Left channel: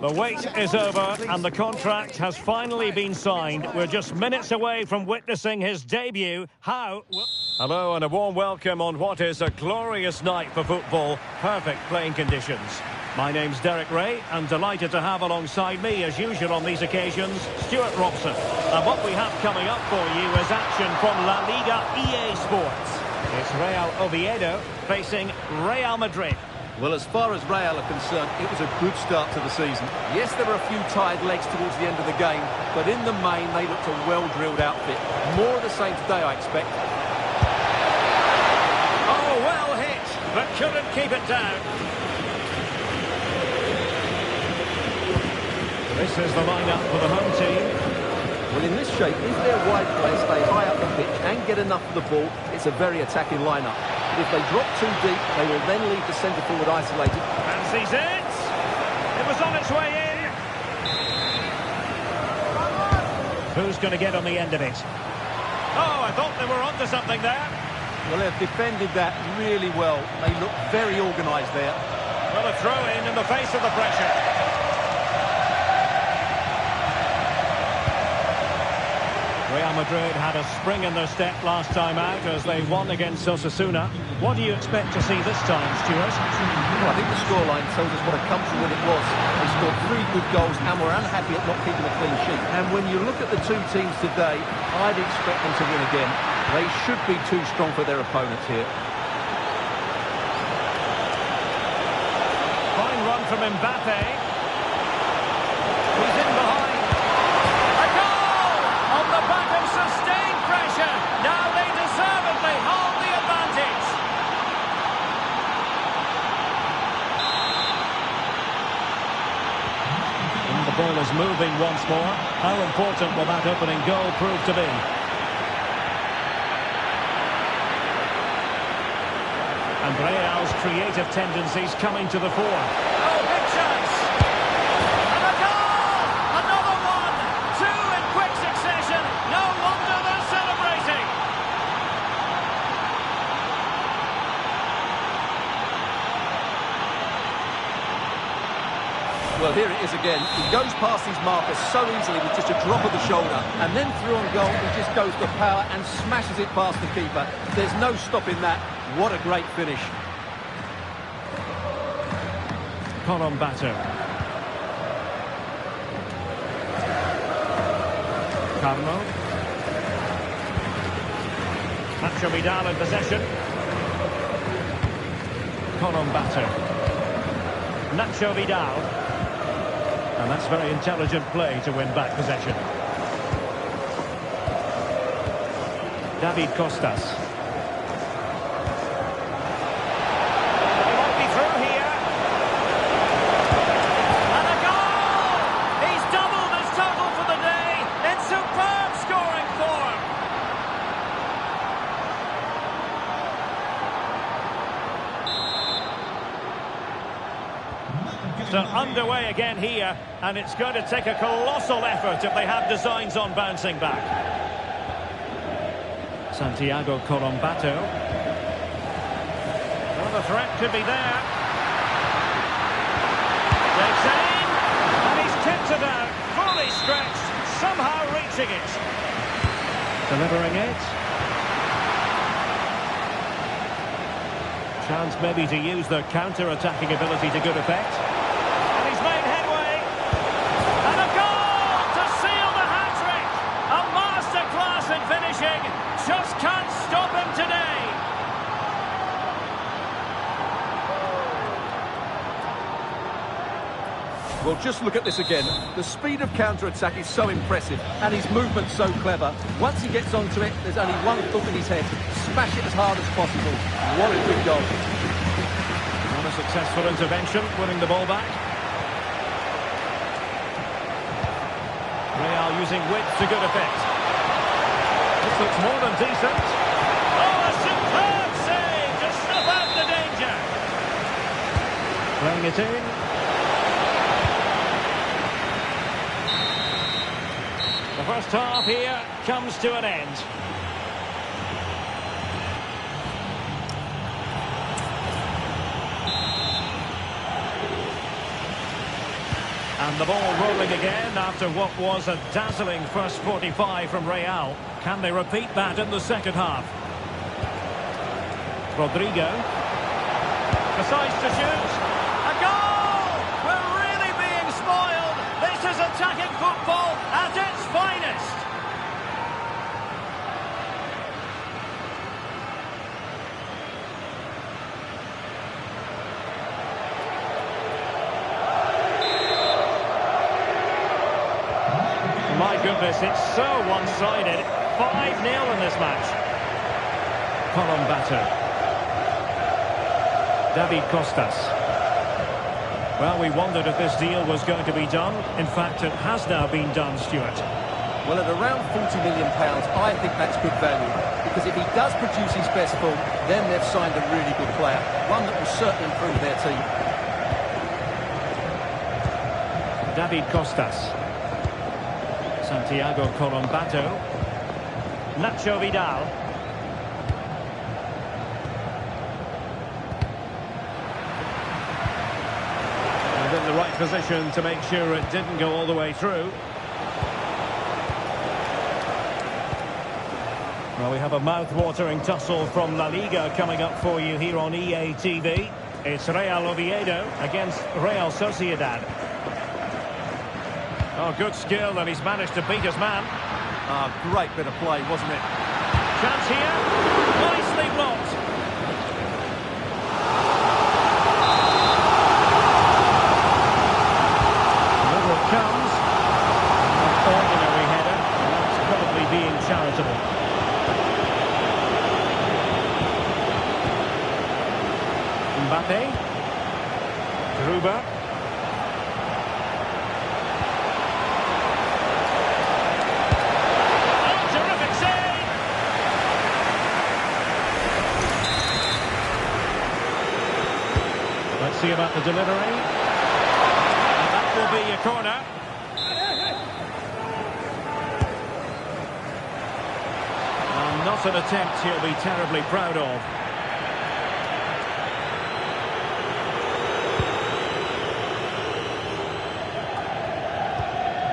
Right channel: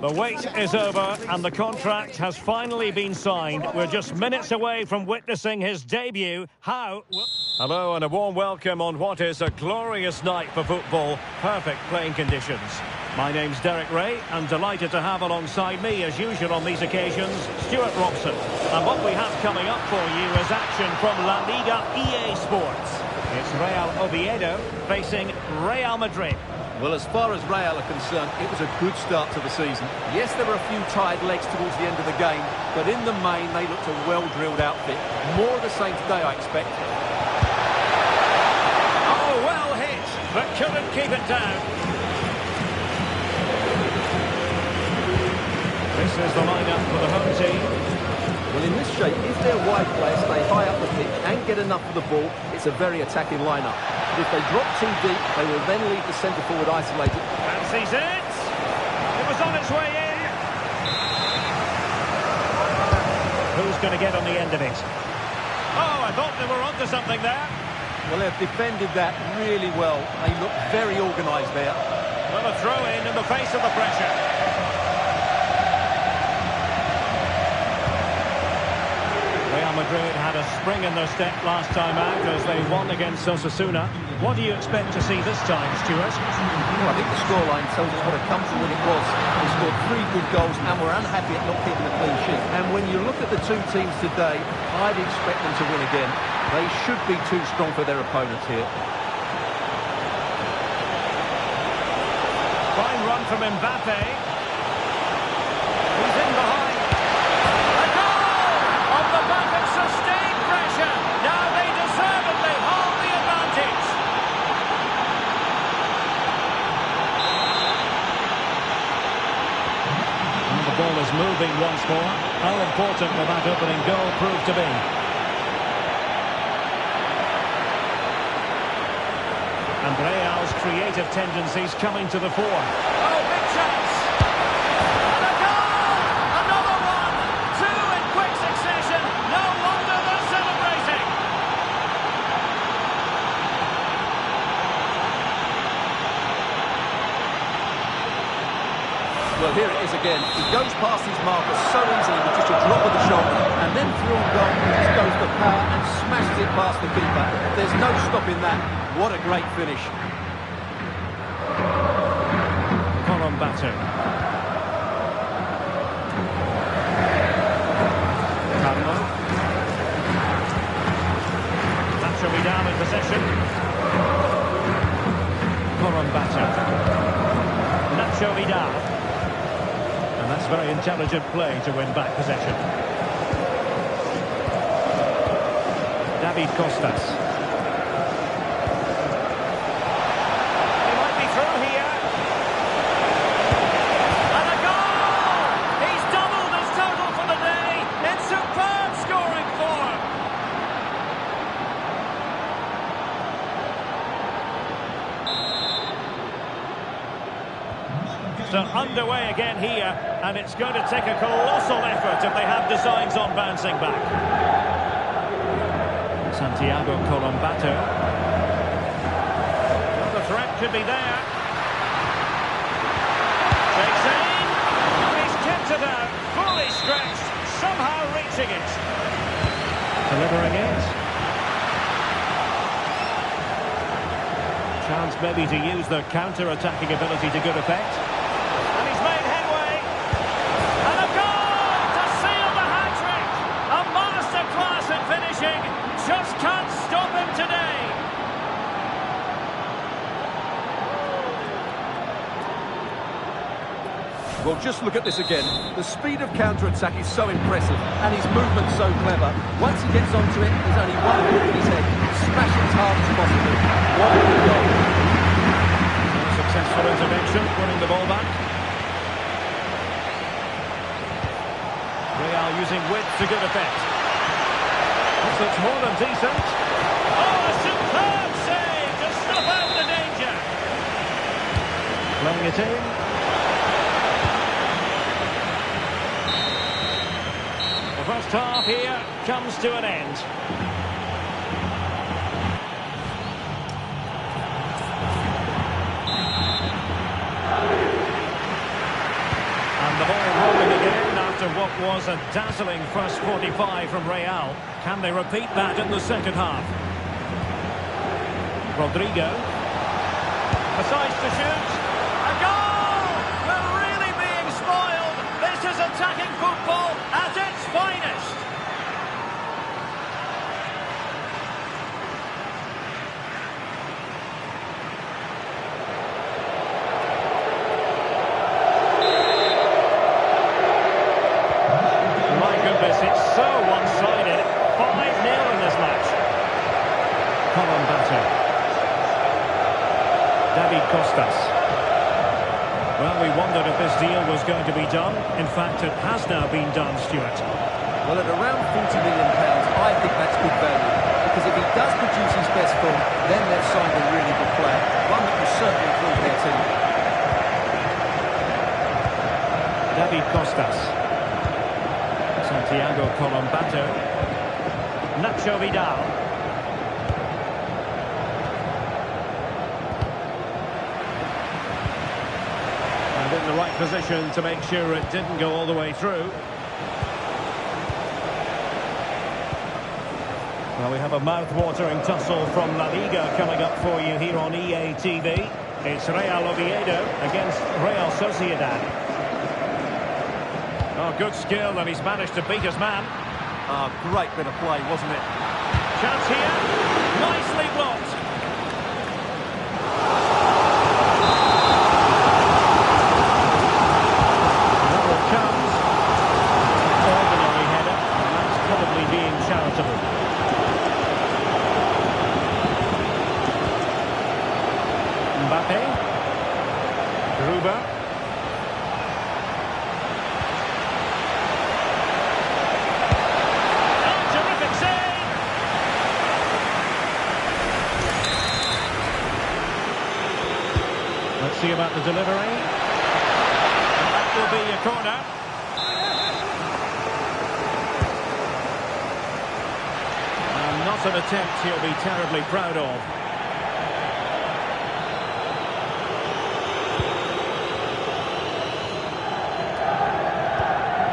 The wait is over and the contract has finally been signed. We're just minutes away from witnessing his debut. How? Hello and a warm welcome on what is a glorious night for football. Perfect playing conditions. My name's Derek Ray and delighted to have alongside me, as usual on these occasions, Stuart Robson. And what we have coming up for you is action from La Liga EA Sports. It's Real Oviedo facing Real Madrid. Well, as far as Real are concerned, it was a good start to the season. Yes, there were a few tired legs towards the end of the game, but in the main, they looked a well-drilled outfit. More of the same today, I expect. Oh, well hit, but couldn't keep it down. This is the lineup for the home team. Well, in this shape, if their wide players stay high up the pitch and get enough of the ball, it's a very attacking lineup. But if they drop too deep, they will then leave the centre-forward isolated. Fancies it. It was on its way in. Who's going to get on the end of it? Oh, I thought they were onto something there. Well, they've defended that really well. They look very organised there. Well, a throw-in the face of the pressure. Real Madrid had a spring in their step last time out as they won against Osasuna. What do you expect to see this time, Stuart? Well, I think the scoreline tells us what a comfortable win it was. They scored 3 good goals and were unhappy at not keeping a clean sheet. And when you look at the two teams today, I'd expect them to win again. They should be too strong for their opponents here. Fine run from Mbappe. He's in behind. On the back of sustained pressure, now they deservedly hold the advantage. And the ball is moving once more. How important will that opening goal prove to be? And Real's creative tendencies coming to the fore. Oh, big chance! And a goal! Another one! 2 in quick succession. No wonder they're celebrating. Well, here it is again. He goes past his marker so easily with just a drop of the shoulder. And then through on goal, he just goes to power and smashes it past the keeper. There's no stopping that. What a great finish. Colombato. Carmo. Nacho Vidal in possession. Colombato. Nacho Vidal. And that's very intelligent play to win back possession. David Costas. And he might be through here. And a goal! He's doubled his total for the day in superb scoring form. So underway again here, and it's going to take a colossal effort if they have designs on bouncing back. Santiago Colombato. Well, the threat could be there. Takes aim, and he's kept it out, fully stretched, somehow reaching it. Delivering it. Chance maybe to use their counter-attacking ability to good effect. And he's made headway. And a goal to seal the hat-trick. A masterclass in finishing. Just can't stop him today. Well, just look at this again. The speed of counter-attack is so impressive, and his movement so clever. Once he gets onto it, there's only one hook in his head. Smash it as hard as possible. What a good goal. And a successful intervention, winning the ball back. Real using width to good effect. This looks more than decent. Oh, a superb save to snuff out the danger. Playing it in. The first half here comes to an end. And the ball rolling again after what was a dazzling first 45 from Real. Can they repeat that in the second half? Rodrigo. Decides to shoot. A goal! We're really being spoiled. This is attacking football at its finest. My goodness, it's so one-sided. 5-0 in this match. Colombato. David Costas. Well, we wondered if this deal was going to be done. In fact, it has now been done, Stuart. Well, at around £40 million, I think that's good value. Because if he does produce his best form, then they've signed a really good player. One that will certainly improve their team. David Costas. Santiago Colombato. Nacho Vidal. And in the right position to make sure it didn't go all the way through. Well, we have a mouth-watering tussle from La Liga coming up for you here on EA TV. It's Real Oviedo against Real Sociedad. Oh, good skill, and he's managed to beat his man. Great bit of play, wasn't it? Chance here. Nicely blocked. Another it comes. An ordinary header, and that's probably being charitable. Mbappe. Gruber. Let's see about the delivery. And that will be a corner. And not an attempt he'll be terribly proud of.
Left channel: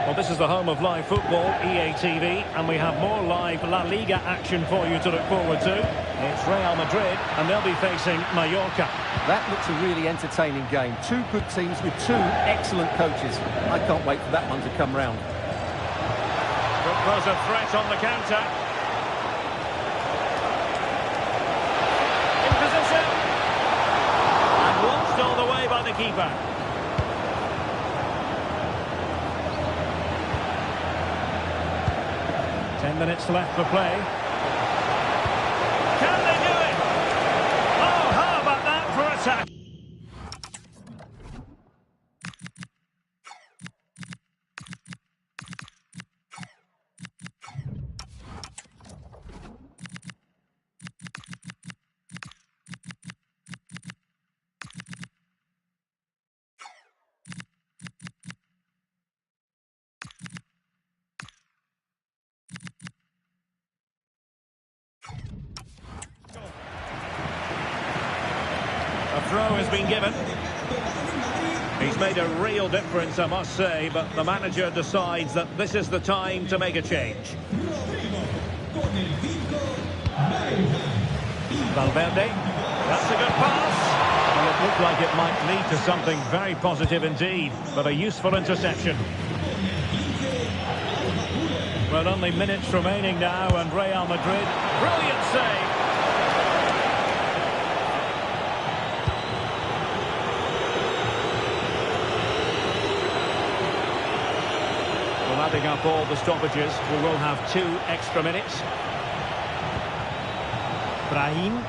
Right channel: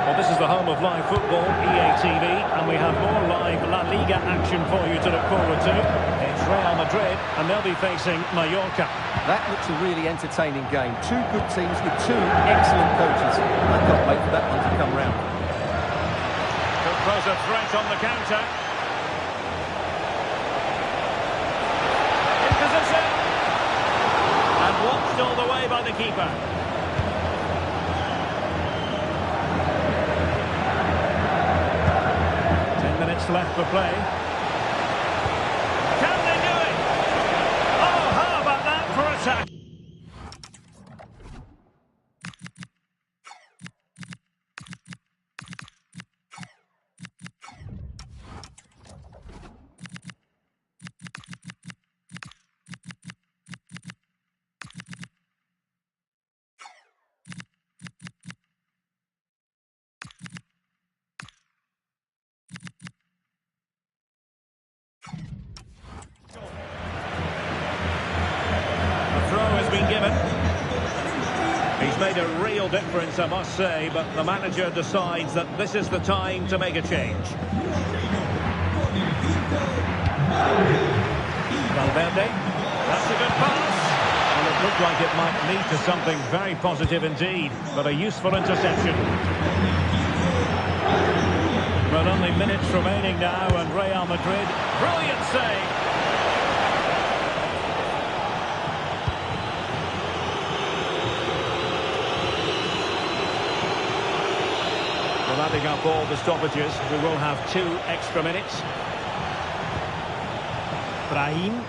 Well, this is the home of live football, EA TV, and we have more live La Liga action for you to look forward to. It's Real Madrid, and they'll be facing Mallorca. That looks a really entertaining game. Two good teams with two excellent coaches. I can't wait for that one to come round. Could pose a threat on the counter. In position. And watched all the way by the keeper. Minutes left for play. Can they do it? Oh, how about that for attack? A throw has been given. He's made a real difference, I must say, but the manager decides that this is the time to make a change. Valverde. That's a good pass. Well, it looked like it might lead to something very positive indeed, but a useful interception. Well, only minutes remaining now, and Real Madrid, brilliant save. Well, adding up all the stoppages, we will have 2 extra minutes. Brahim.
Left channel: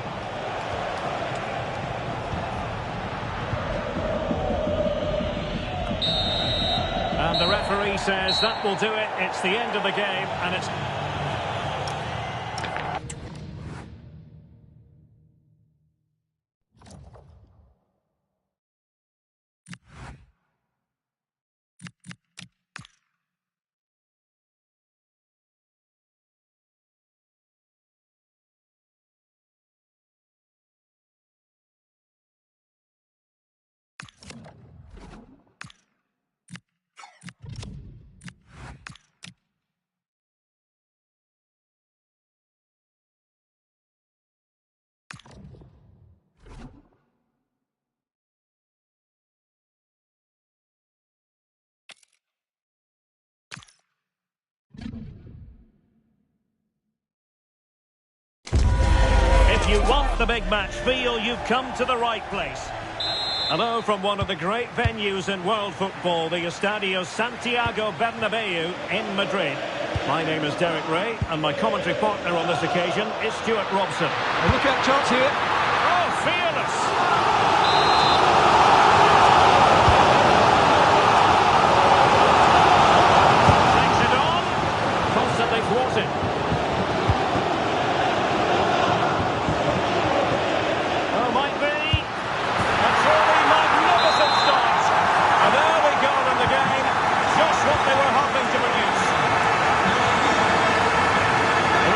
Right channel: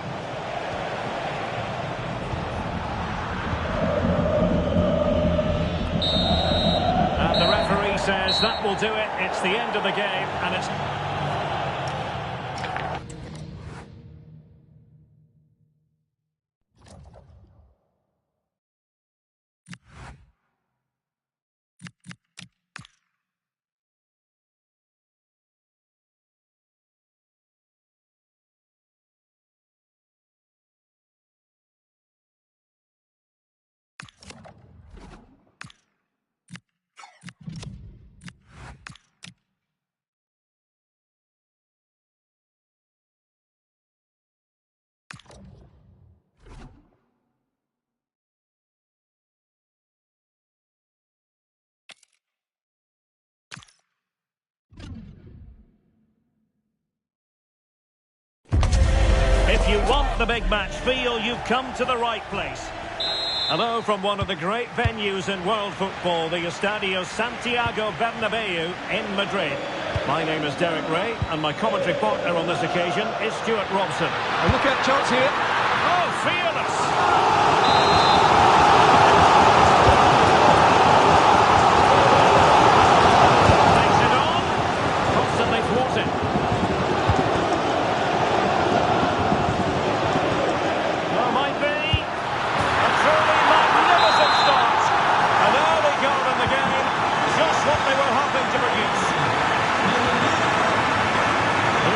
And the referee says that will do it. It's the end of the game, and it's... If you want the big match feel, you've come to the right place. Hello from one of the great venues in world football, the Estadio Santiago Bernabeu in Madrid. My name is Derek Ray, and my commentary partner on this occasion is Stuart Robson. And look out, chance here. Oh, fearless! Takes it on. Constantly thwarted. Oh, might be. A truly magnificent start. An early goal in the game. Just what they were hoping to produce.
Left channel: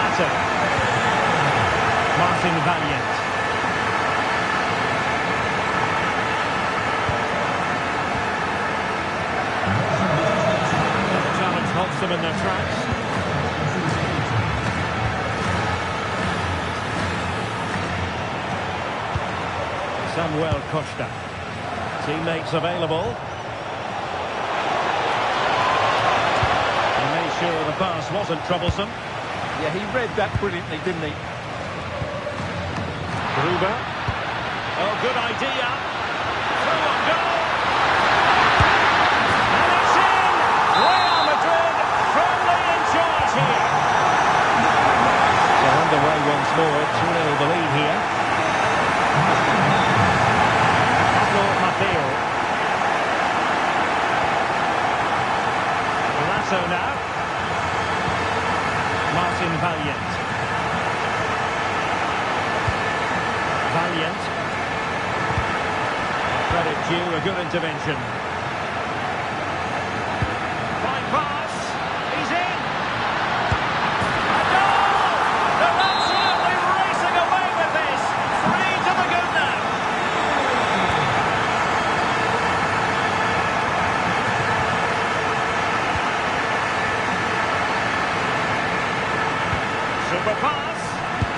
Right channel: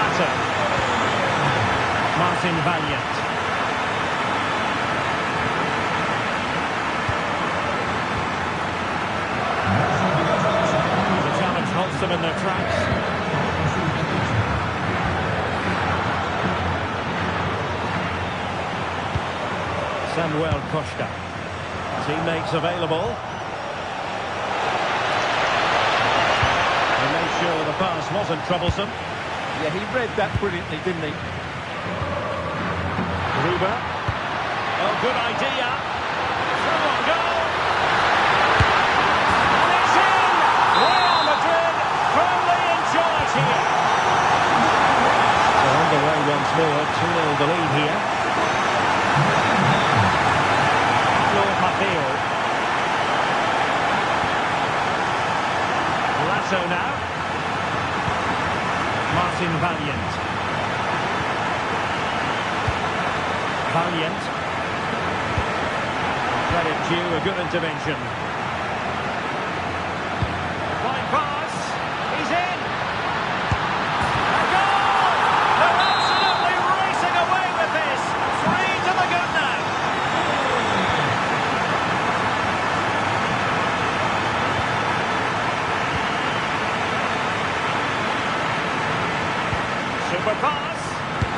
Latter. Martin Valiant. And the challenge halts them in their tracks. Samuel Costa. Teammates available. He made sure the pass wasn't troublesome. Yeah, he read that brilliantly, didn't he? Gruber. Oh, good idea. Through on goal. And it's in! Real Madrid firmly in charge here. So underway once more, 2-0 the lead here. Pablo Maffeo. Lasso now. Martin Valiant. Valiant. Credit due, a good intervention. Fine pass. He's in. A goal! They're absolutely racing away with this. 3 to the good now. Super pass,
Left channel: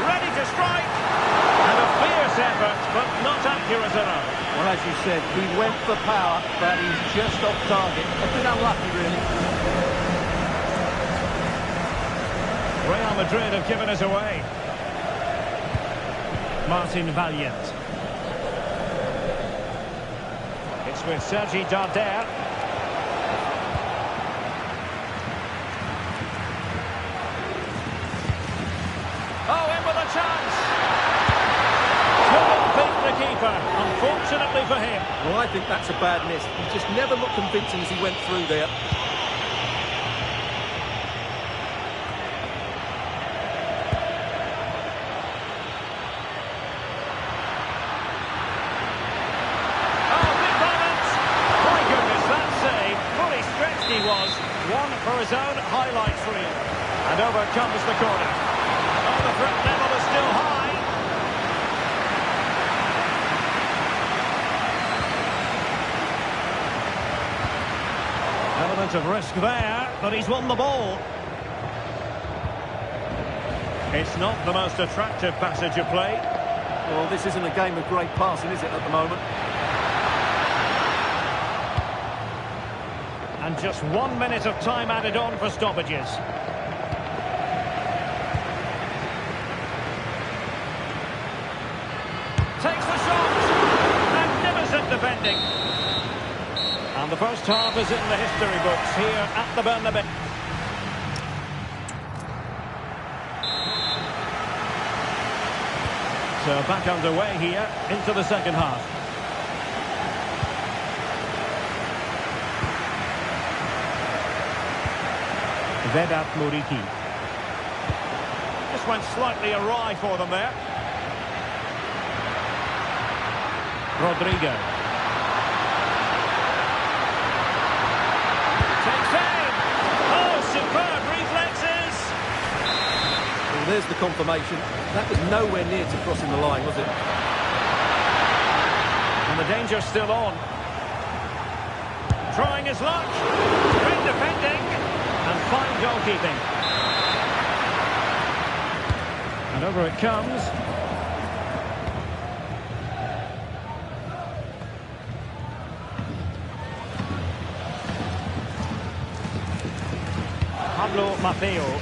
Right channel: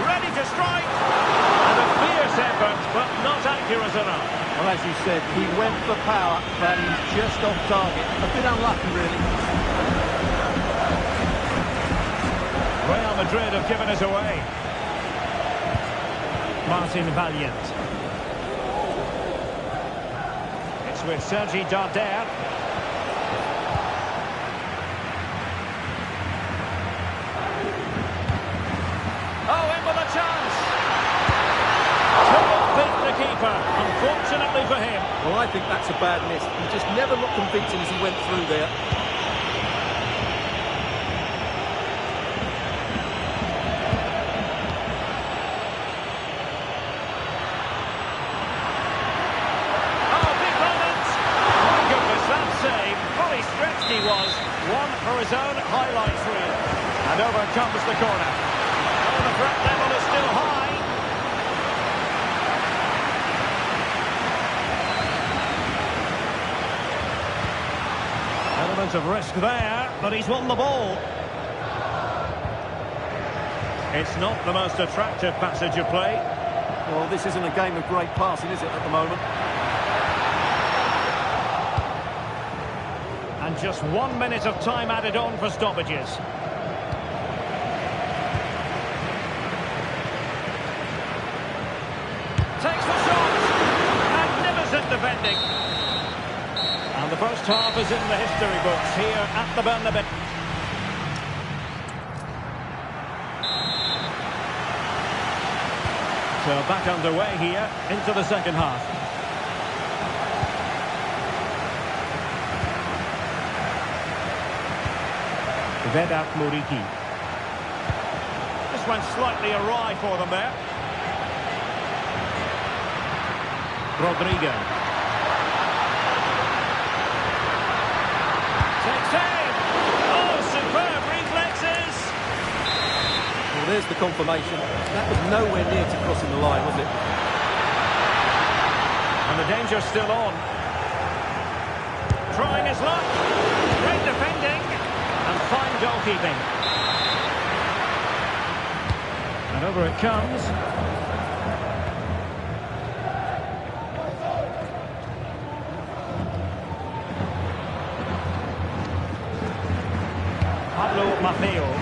ready to strike, and a fierce effort, but not accurate enough. Well, as you said, he went for power, but he's just off target. A bit unlucky, really. Real Madrid have given us away. Martin Valiant. It's with Sergi Darder. Oh, in with a chance. Couldn't beat the keeper, unfortunately for him. Well, I think that's a bad miss. He just never looked convincing as he went through there. Oh, big moment. My goodness, that save. Fully stretched he was. One for his own highlights reel. And over comes the corner. Oh, the threat level is still high. Element of risk there, but he's won the ball. It's not the most attractive passage of play. Well, this isn't a game of great passing, is it, at the moment? And just 1 minute of time added on for stoppages. Takes the shot. Magnificent defending. And the first half is in the history books here at the Bernabeu. So back underway here into the second half. Vedat Muriqi. Just went slightly awry for them there. Rodrigo. Takes aim. Oh, superb reflexes. Well, there's the confirmation. That was nowhere near to crossing the line, was it? And the danger's still on. Trying his luck. Great defending. And fine goalkeeping. And over it comes. Pablo Maffeo.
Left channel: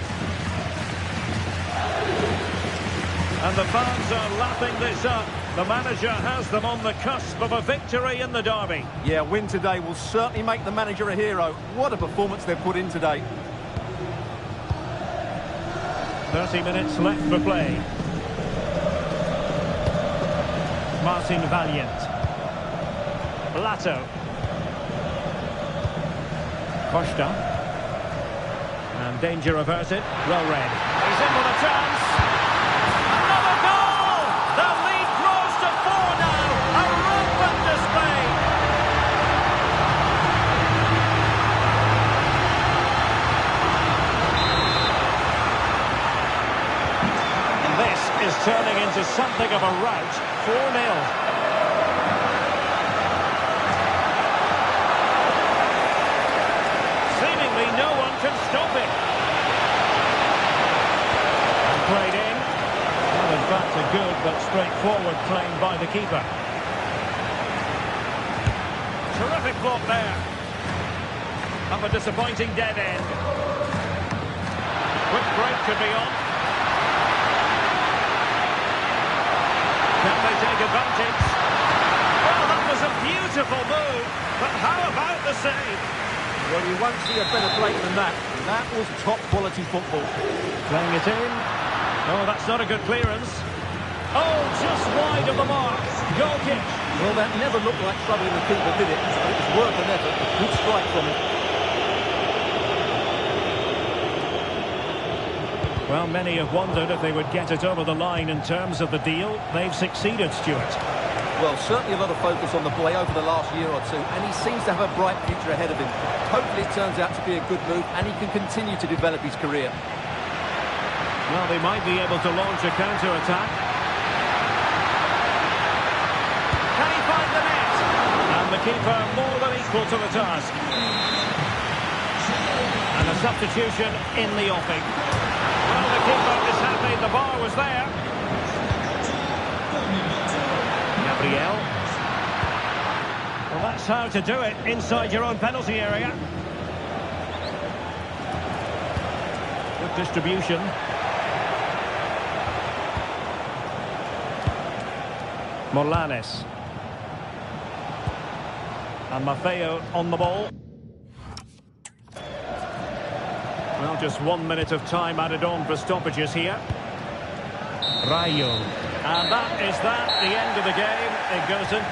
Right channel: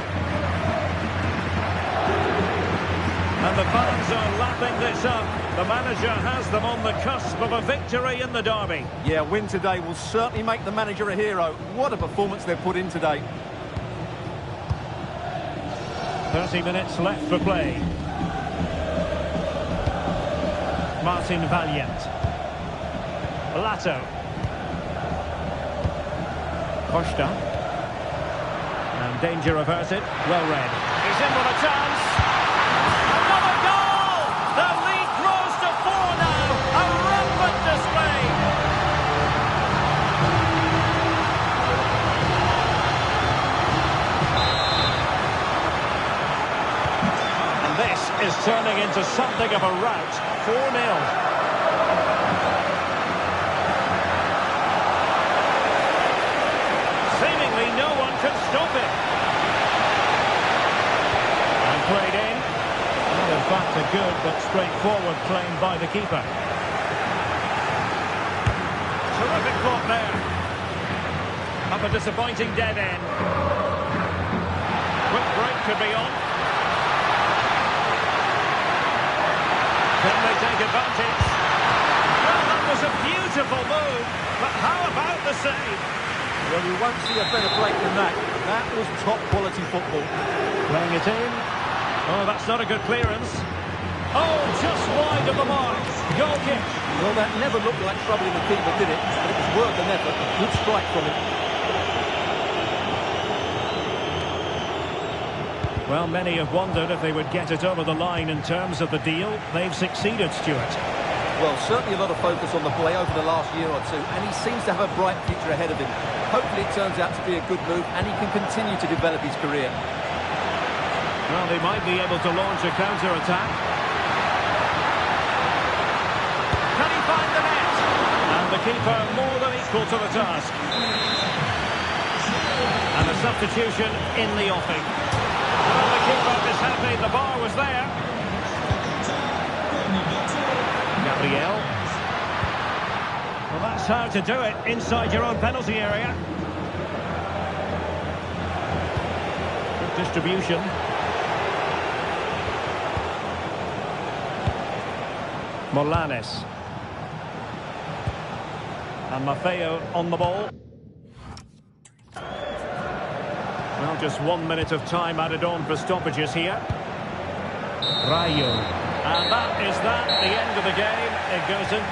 And the fans are lapping this up. The manager has them on the cusp of a victory in the derby. Yeah, win today will certainly make the manager a hero. What a performance they've put in today. 30 minutes left for play. Martin Valiant. Lato. Costa. And danger averted. Well read. He's in with a chance. Another goal! The lead grows to 4 now. A rampant display. And this is turning into something of a rout. 4-0. Seemingly no one can stop it. And played in. Well, in fact, a good but straightforward claim by the keeper. Terrific block there. Up a disappointing dead end. Quick break could be on. Can they take advantage? Well, that was a beautiful move, but how about the save? Well, you won't see a better break than that. That was top-quality football. Playing it in. Oh, that's not a good clearance. Oh, just wide of the mark. Goal kick. Well, that never looked like troubling the keeper, did it? But it was worth an effort. A good strike from him. Well, many have wondered if they would get it over the line in terms of the deal. They've succeeded, Stuart. Well, certainly a lot of focus on the boy over the last year or two, and he seems to have a bright future ahead of him. Hopefully it turns out to be a good move, and he can continue to develop his career. Well, they might be able to launch a counter-attack. Can he find the net? And the keeper more than equal to the task. And a substitution in the offing. Well, the keeper is happy. The bar was there. Gabriel. Well, that's how to do it inside your own penalty area. Good distribution. Morlanes. And Maffeo on the ball. Well, just 1 minute of time added on for stoppages here. Rayo. And that is that, the end of the game. It goes in.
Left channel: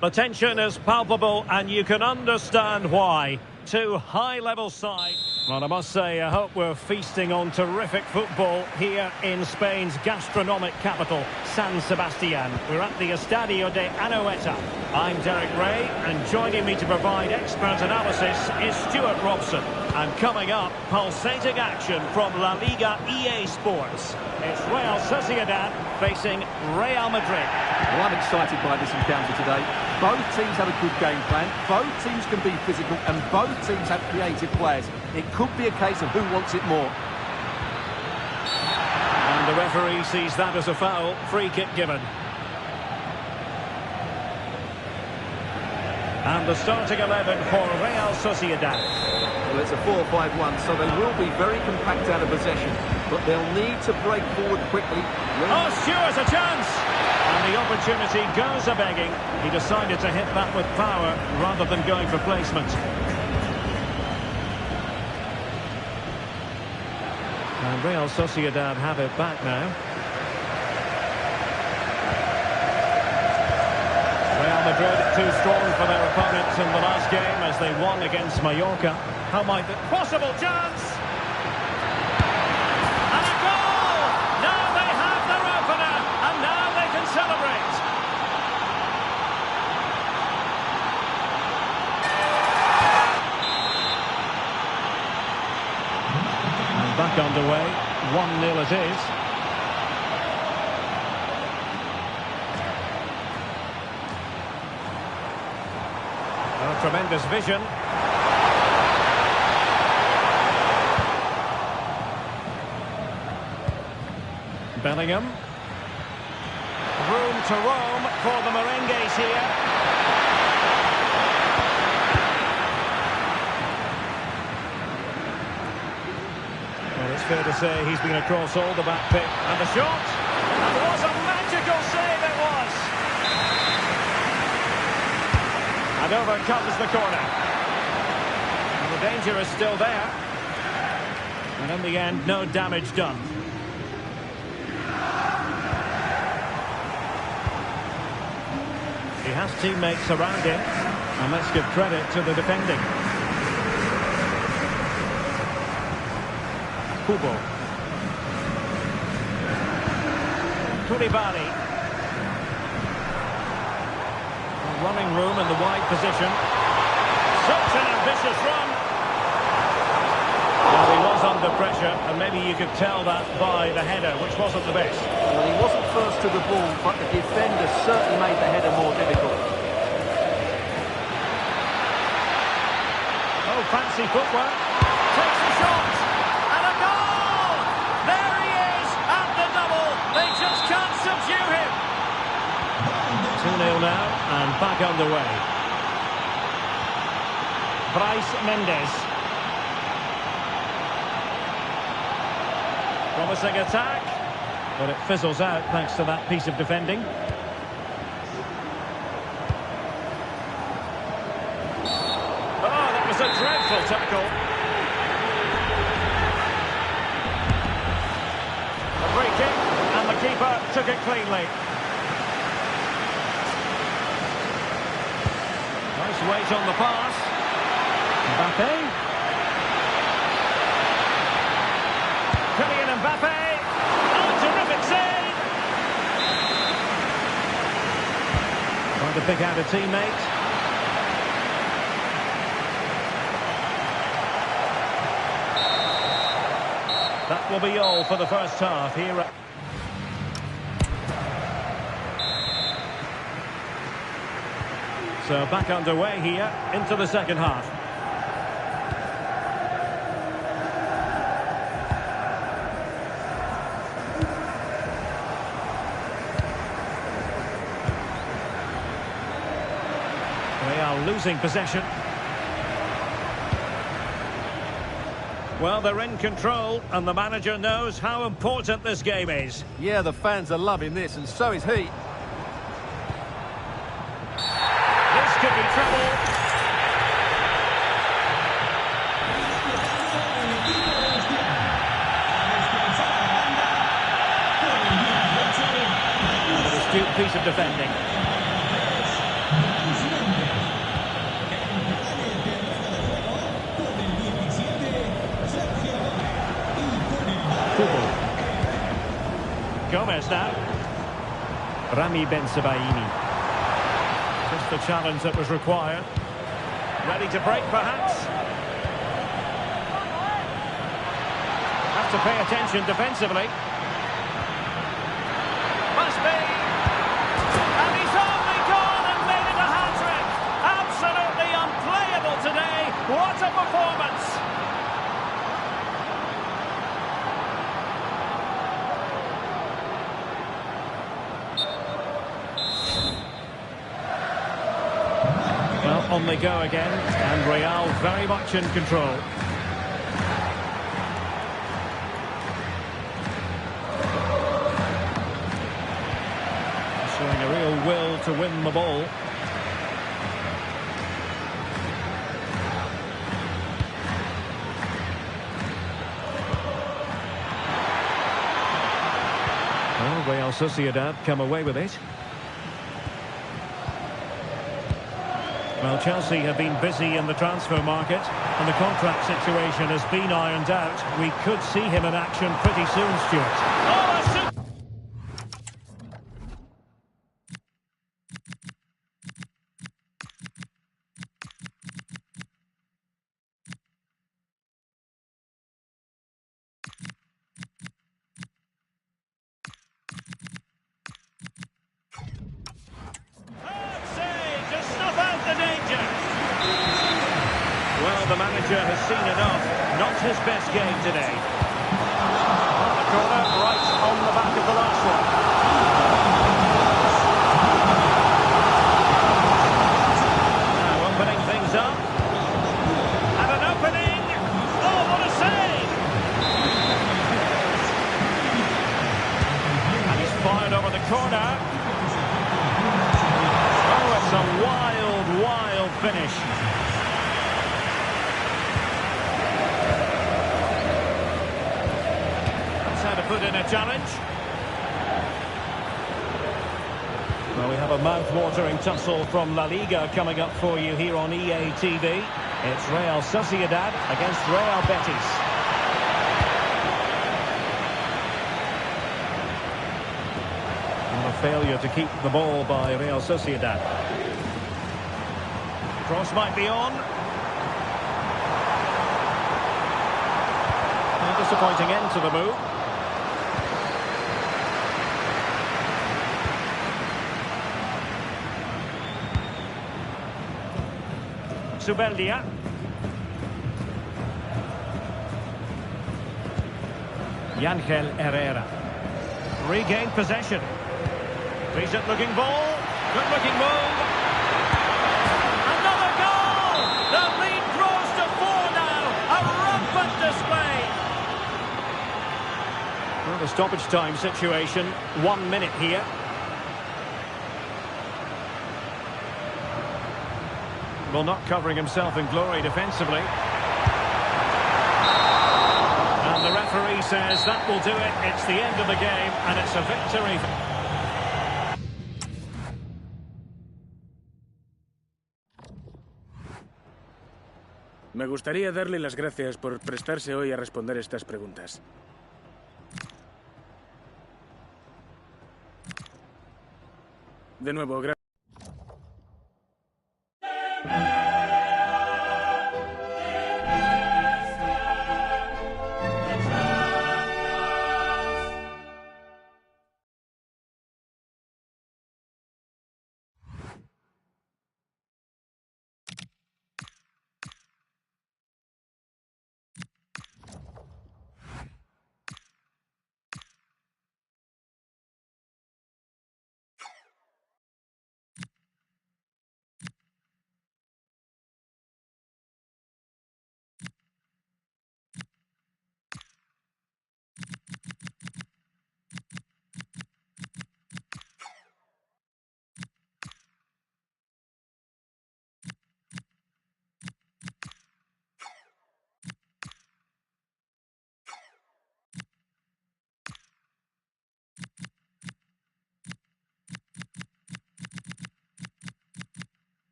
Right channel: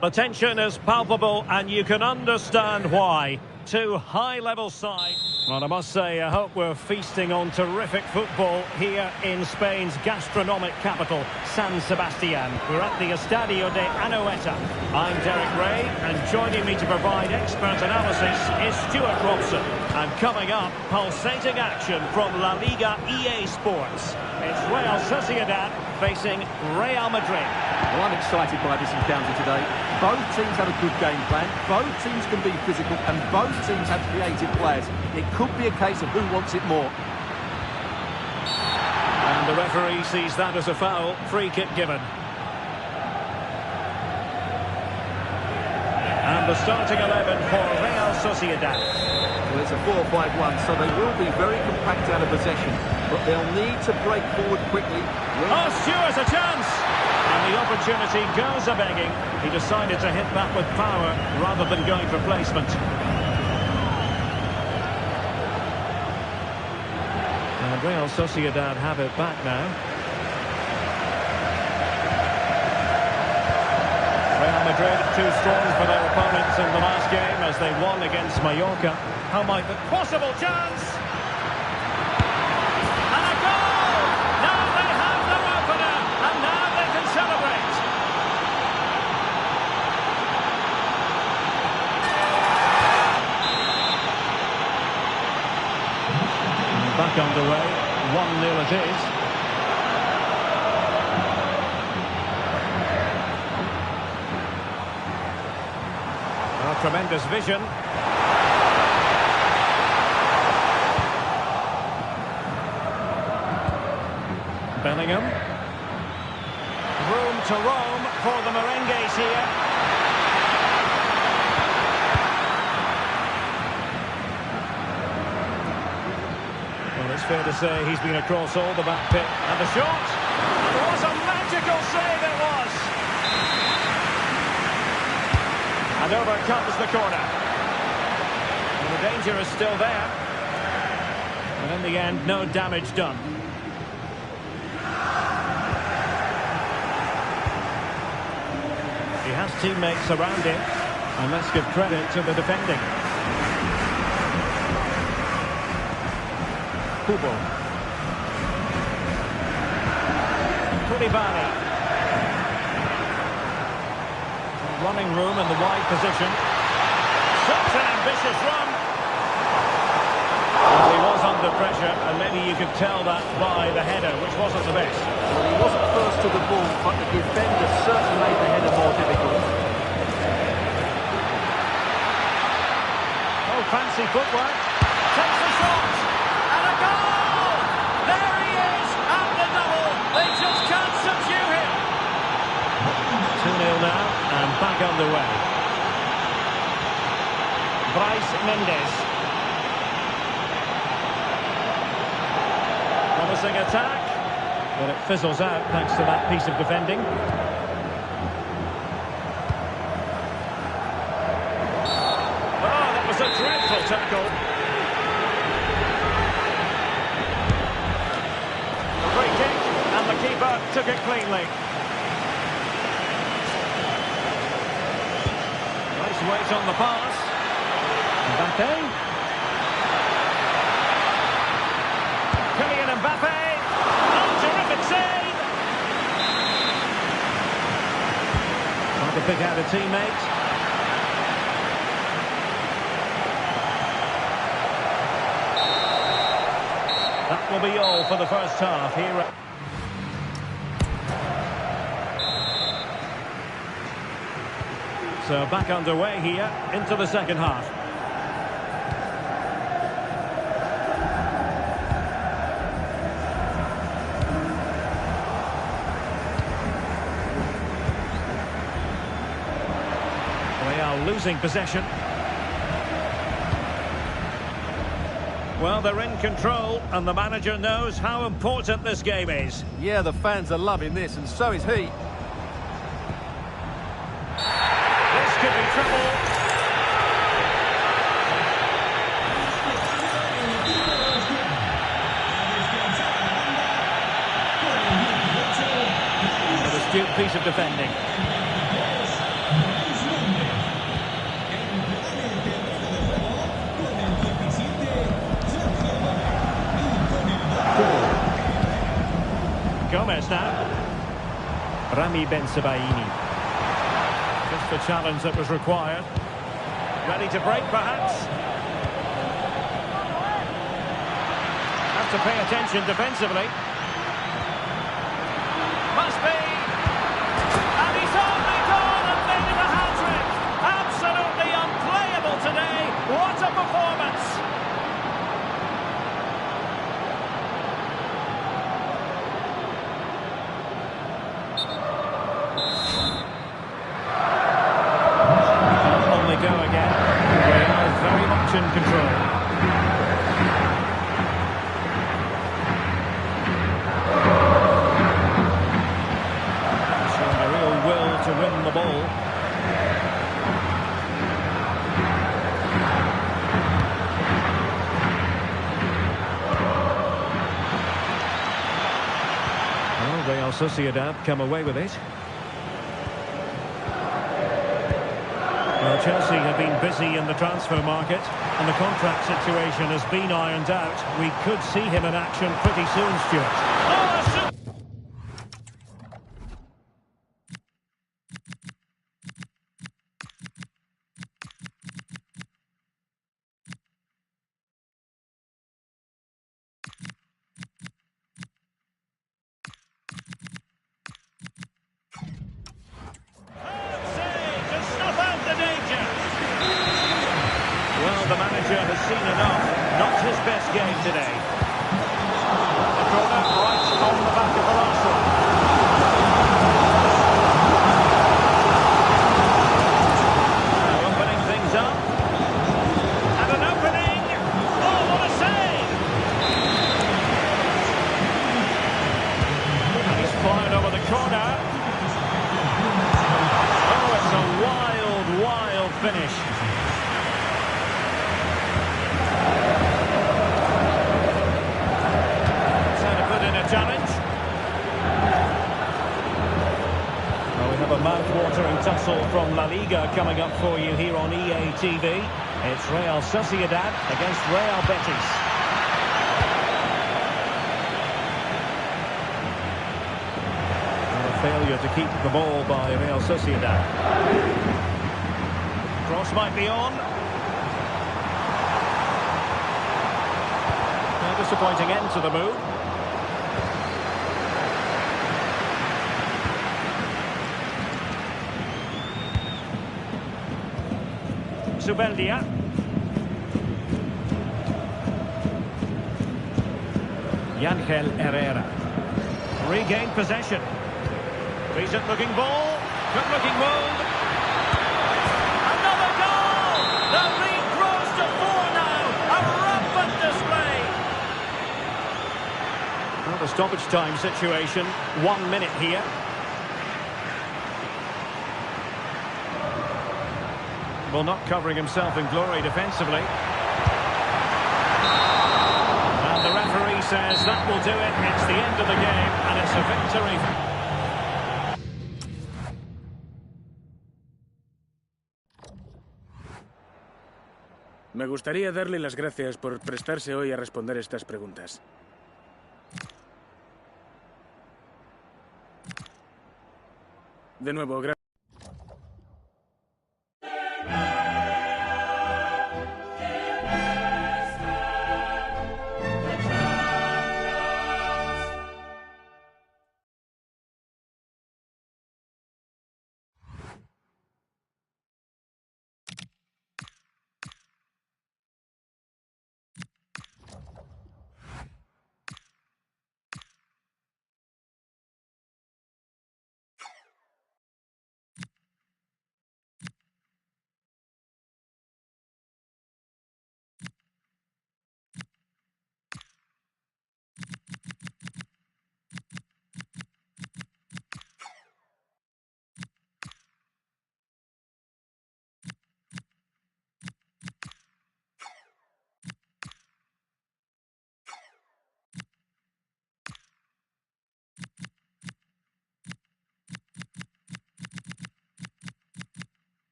The tension is palpable and you can understand why. Two high-level sides. Well, I must say, I hope we're feasting on terrific football here in Spain's gastronomic capital, San Sebastian. We're at the Estadio de Anoeta. I'm Derek Ray, and joining me to provide expert analysis is Stuart Robson. And coming up, pulsating action from La Liga EA Sports. It's Real Sociedad facing Real Madrid. Well, I'm excited by this encounter today. Both teams have a good game plan, both teams can be physical, and both teams have creative players. It could be a case of who wants it more. And the referee sees that as a foul. Free kick given. And the starting 11 for Real Sociedad. Well, it's a 4-5-1, so they will be very compact out of possession, but they'll need to break forward quickly. Oh, Stuart, a chance! And the opportunity goes a-begging. He decided to hit that with power rather than going for placement. And Real Sociedad have it back now. Real Madrid too strong for their opponents in the last game as they won against Mallorca. How might the possible chance? And a goal! Now they have their opener, and now they can celebrate. And back underway, 1-0 it is. Oh, tremendous vision. Bellingham. Room to roam for the Merengues here. Well, it's fair to say he's been across all the back pick. And the shot. And what a magical save it was. And over comes the corner. And the danger is still there. And in the end, no damage done. He has teammates around him. And let's give credit to the defending. Kubo. Koulibaly. Running room in the wide position. Such an ambitious run. Well, he was under pressure, and maybe you could tell that by the header, which wasn't the best. Well, he wasn't first to the ball, but the defender certainly made the header more difficult. Oh, fancy footwork. Takes the shot. And a goal! There he is at the double. They just can't subdue him. 2-0 now, and back underway. Bryce Mendes. Promising attack, but it fizzles out thanks to that piece of defending. Oh, that was a dreadful tackle. A free kick, and the keeper took it cleanly. Nice weight on the pass. Mbappe. Kylian Mbappe. Oh, terrific save. Trying to pick out a teammate. That will be all for the first half here. So back underway here into the second half. They are losing possession. Well, they're in control, and the manager knows how important this game is. Yeah, the fans are loving this, and so is he. This could be trouble. An astute piece of defending. Gomez now. Rami Ben-Sebaini. Just the challenge that was required. Ready to break, perhaps. Have to pay attention defensively. Must be. And he's only gone and made it a hat-trick. Absolutely unplayable today. What a performance. Well, on they go again. And Real very much in control. Showing a real will to win the ball. Well, Real Sociedad come away with it. Well, Chelsea have been busy in the transfer market, and the contract situation has been ironed out. We could see him in action pretty soon, Stuart. Oh, a super... save to snuff out the danger. Well, the manager has seen enough. Not his best game today. Well, the corner right on the back of the last one. Now opening things up. And an opening. Oh, what a save! And he's fired over the corner. Oh, it's a wild, wild finish. That's how to put in a challenge. Well, we have a mouth-watering tussle from La Liga coming up for you here on EA TV. It's Real Sociedad against Real Betis. A failure to keep the ball by Real Sociedad. Cross might be on. A disappointing end to the move. Zubeldia. Yangel Herrera. Regained possession. Decent looking ball. Good looking move. Another goal! The lead grows to 4 now. A rampant display. Well, the stoppage time situation. 1 minute here. Well, not covering himself in glory defensively. And the referee says that will do it. It's the end of the game and it's a victory. Me gustaría darle las gracias por prestarse hoy a responder estas preguntas. De nuevo, gracias.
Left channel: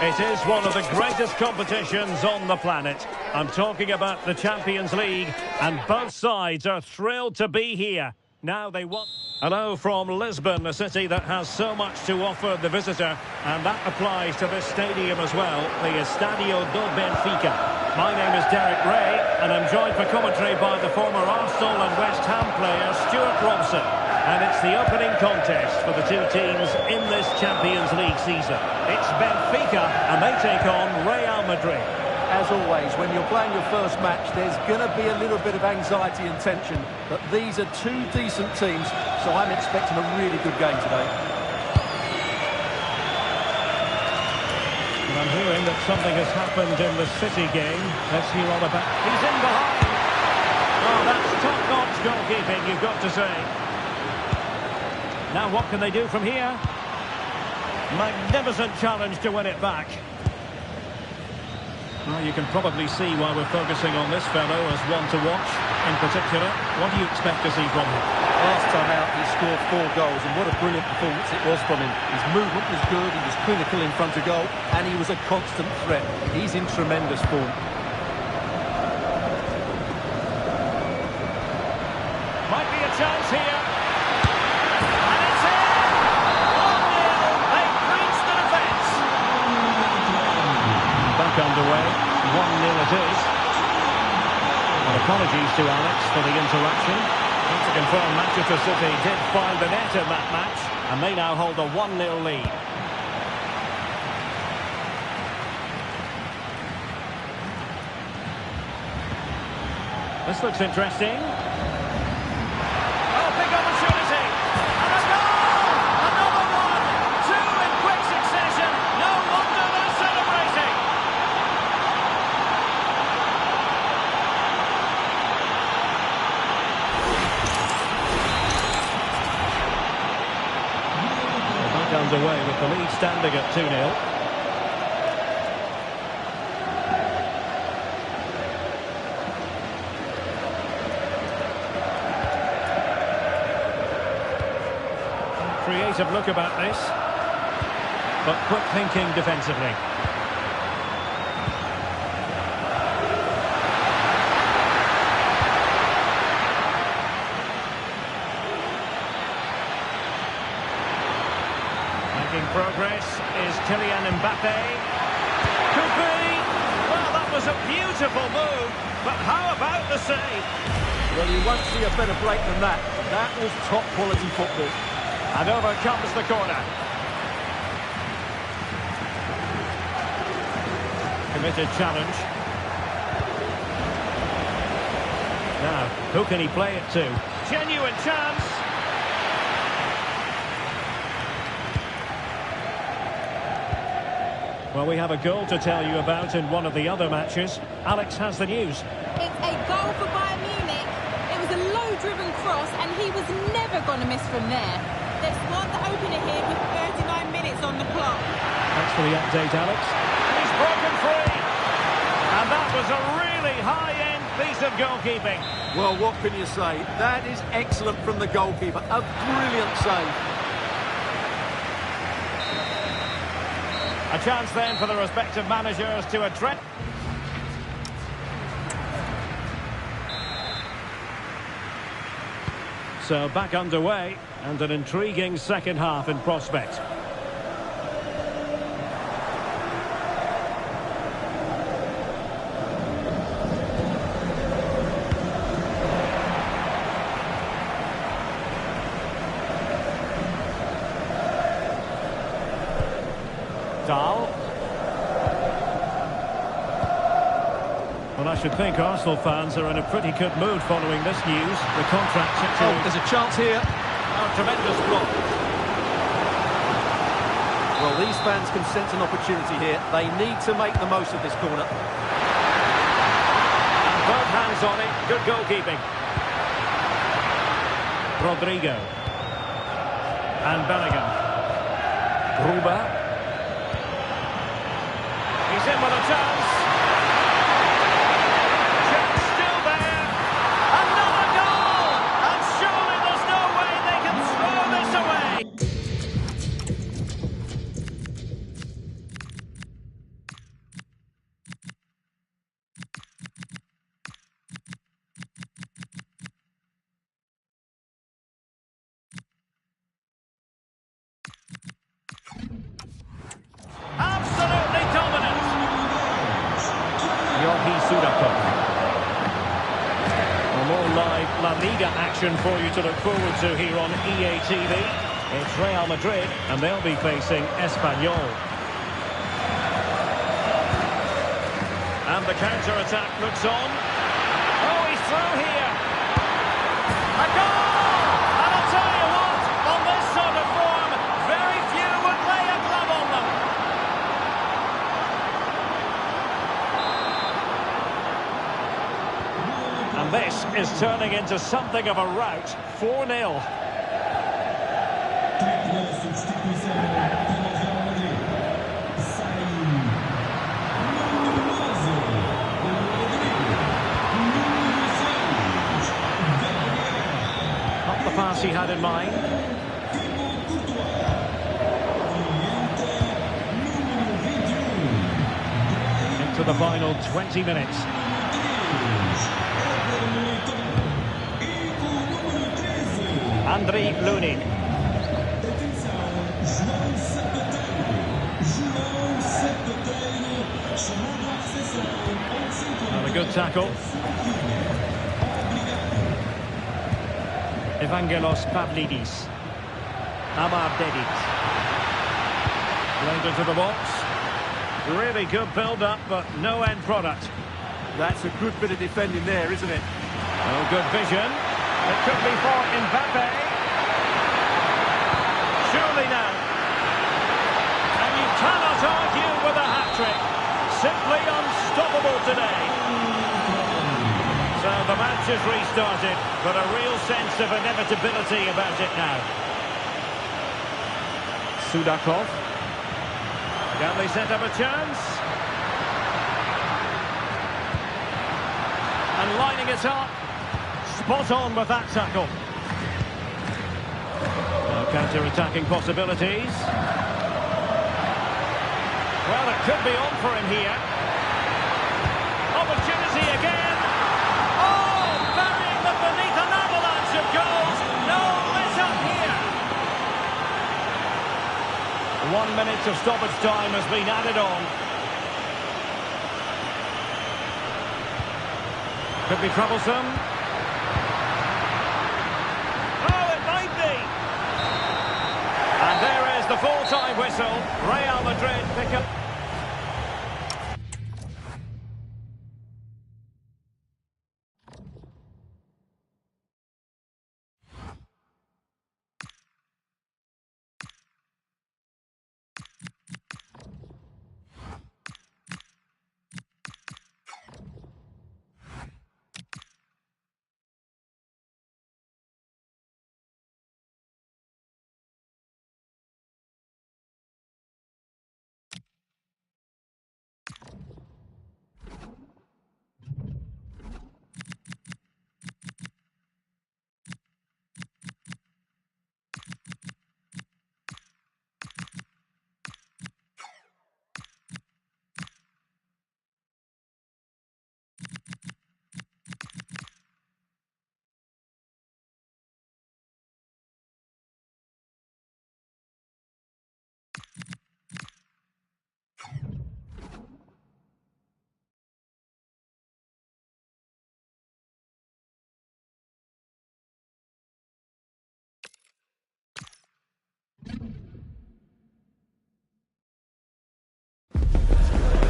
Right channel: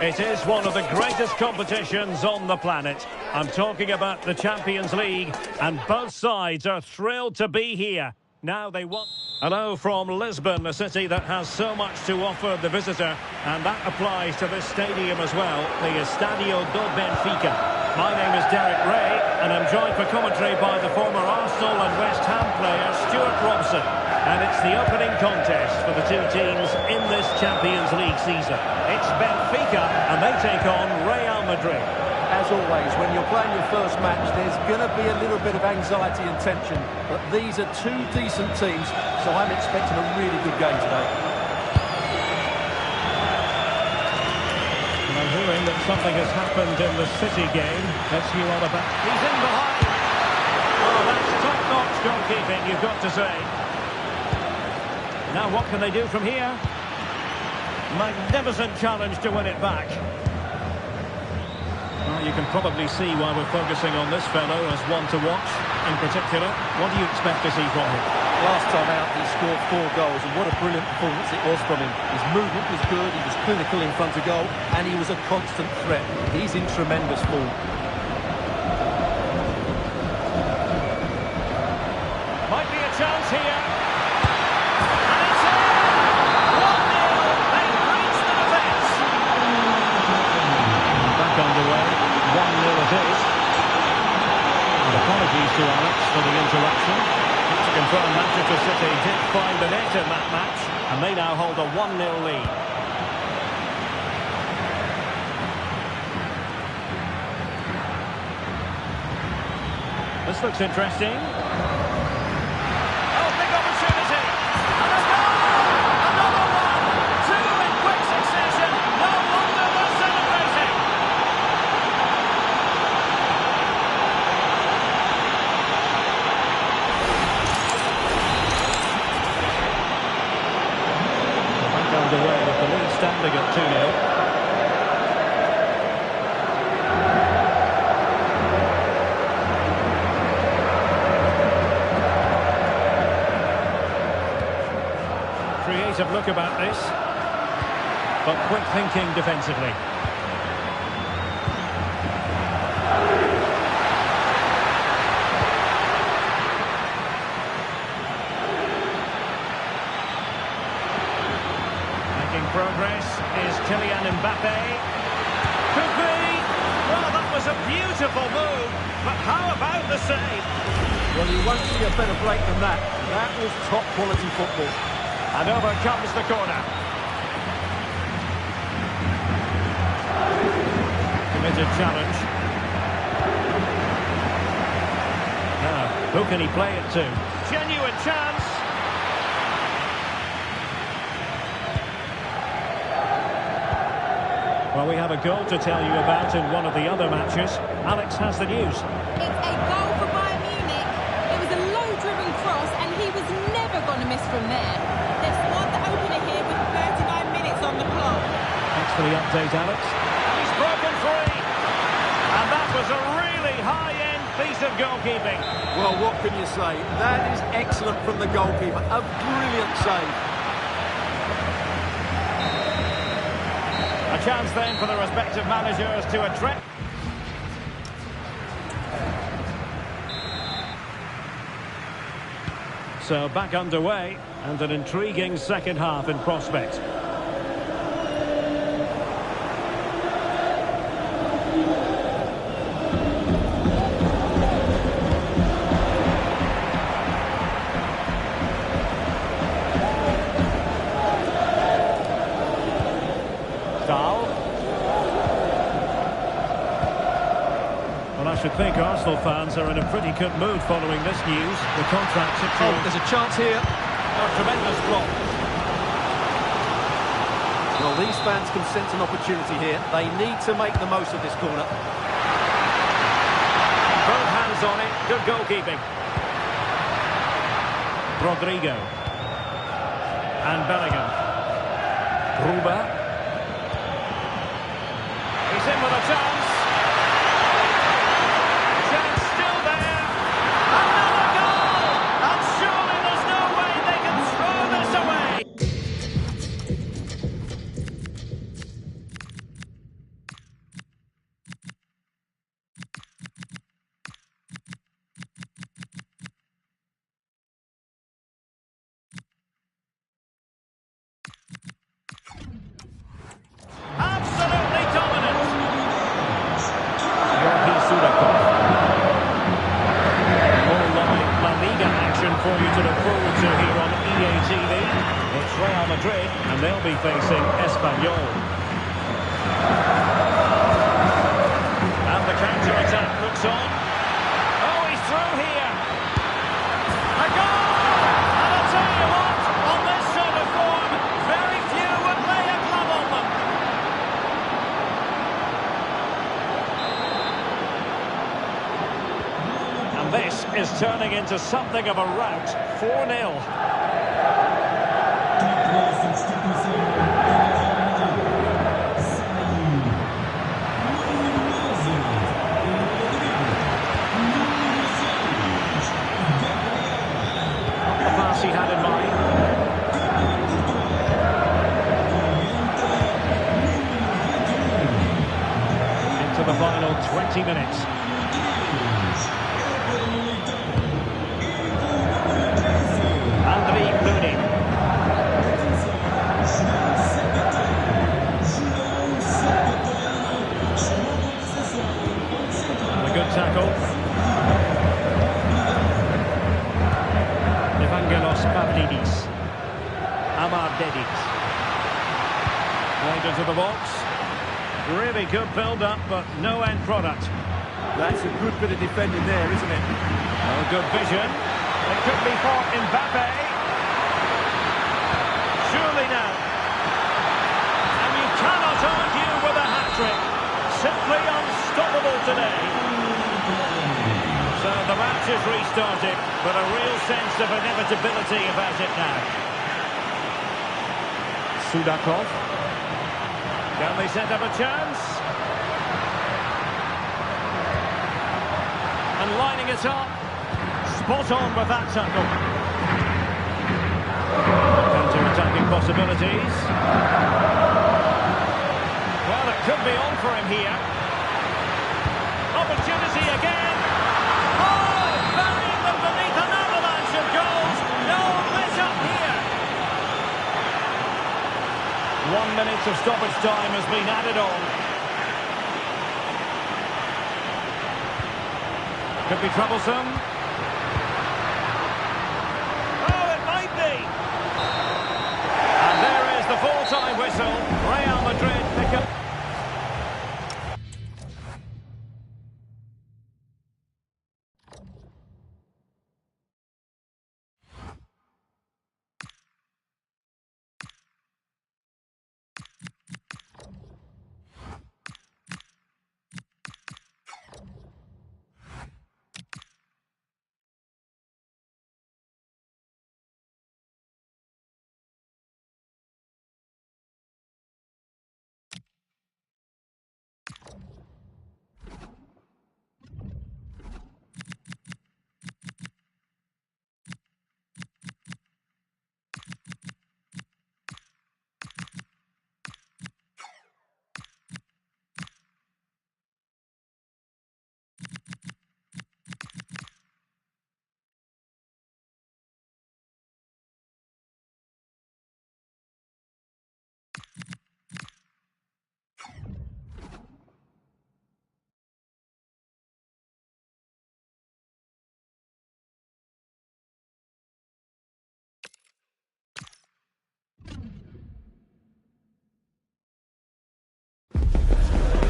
It is one of the greatest competitions on the planet. I'm talking about the Champions League, and both sides are thrilled to be here. Now they want... Hello from Lisbon, a city that has so much to offer the visitor, and that applies to this stadium as well, the Estadio do Benfica. My name is Derek Ray, and I'm joined for commentary by the former Arsenal and West Ham player Stuart Robson. And it's the opening contest for the two teams in this Champions League season. It's Benfica, and they take on Real Madrid. As always, when you're playing your first match, there's going to be a little bit of anxiety and tension. But these are two decent teams, so I'm expecting a really good game today. And I'm hearing that something has happened in the City game. Let's hear all about... He's in behind. Oh, that's top-notch goalkeeping, you've got to say. Now what can they do from here? Magnificent challenge to win it back. Well, you can probably see why we're focusing on this fellow as one to watch. In particular, what do you expect to see from him? Last time out, he scored 4 goals, and what a brilliant performance it was from him. His movement was good, he was clinical in front of goal, and he was a constant threat. He's in tremendous form. Might be a chance here. And it's in! 1-0. They breached the defence. Back underway. 1-0 it is. And apologies to Alex for the interruption. Just to confirm, Manchester City did find the net in that match, and they now hold a 1-0 lead. This looks interesting. Oh, big opportunity. And a goal! Another one! 2 in quick succession. No wonder they're celebrating. Back underway with the lead standing at 2-0. Creative look about this, but quick thinking defensively. Making progress is Kylian Mbappe. Could be. Well, that was a beautiful move, but how about the save? Well, you won't see a better break than that. That was top quality football. And over comes the corner. Committed challenge. Now, who can he play it to? Genuine chance. Well, we have a goal to tell you about in one of the other matches. Alex has the news. It's a goal for Bayern Munich. It was a low-driven cross, and he was never going to miss from there. They've scored the opener here with 39 minutes on the clock. Thanks for the update, Alex. And he's broken free. And that was a really high-end piece of goalkeeping. Well, what can you say? That is excellent from the goalkeeper. A brilliant save. A chance then for the respective managers to address... So back underway, and an intriguing second half in prospect. Dahl. Well, I should think Arsenal fans are in a pretty good mood following this news. The contract situation... Oh, there's a chance here. Oh, tremendous block. Well, these fans can sense an opportunity here. They need to make the most of this corner. And both hands on it. Good goalkeeping. Rodrigo. And Bellingham. Gruber. He's in with a chance. Chance still there. Another goal! And surely there's no way they can throw this away. Sudakov. More live La Liga action for you to look forward to here on EA TV. It's Real Madrid, and they'll be facing Espanyol. And the counter-attack looks on. Oh, he's through here. A goal! And I'll tell you what, on this sort of form, very few would lay a glove on them. And this is turning into something of a rout. 4-0. Not the pass he had in mind. Into the final 20 minutes. Andriy Lunin. And a good tackle. Evangelos Pavlidis. Amar Dedic. Played into the box. Really good build-up, but no end product. That's a good bit of defending there, isn't it? Oh, good vision. It could be for Mbappe. Surely now. And you cannot argue with a hat-trick. Simply unstoppable today. So the match has restarted, but a real sense of inevitability about it now. Sudakov. Can they set up a chance? And lining it up. Spot on with that tackle. Counter-attacking possibilities. Well, it could be on for him here. Opportunity again. Oh, burying them beneath an avalanche of goals. No let up here. 1 minute of stoppage time has been added on. Could be troublesome. Oh, it might be. And there is the full-time whistle. Real Madrid pick up.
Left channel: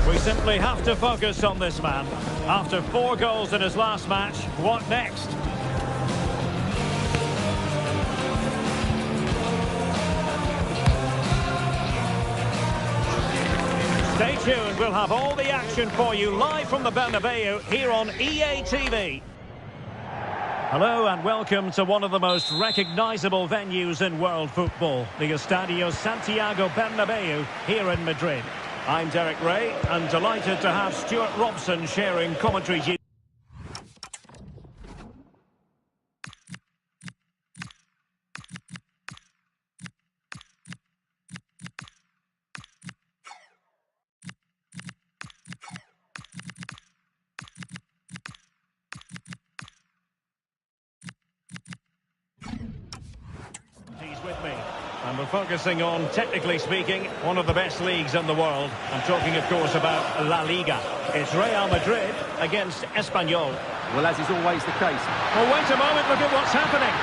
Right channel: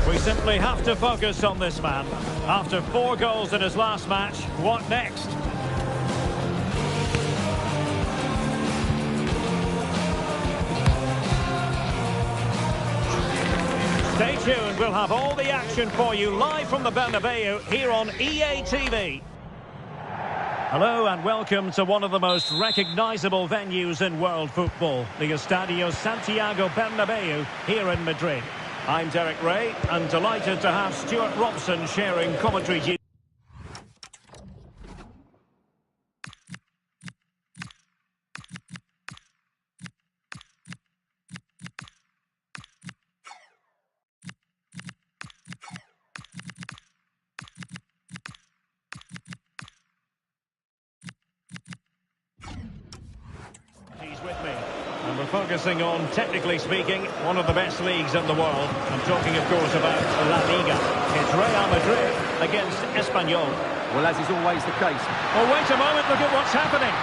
We simply have to focus on this man. After 4 goals in his last match, what next? Stay tuned, we'll have all the action for you live from the Bernabeu here on EA TV. Hello and welcome to one of the most recognisable venues in world football, the Estadio Santiago Bernabeu here in Madrid. I'm Derek Ray, and delighted to have Stuart Robson sharing commentary duties. He's with me. And we're focusing on, technically speaking, one of the best leagues in the world. I'm talking, of course, about La Liga. It's Real Madrid against Espanyol. Well, as is always the case. Well, wait a moment, look at what's happening.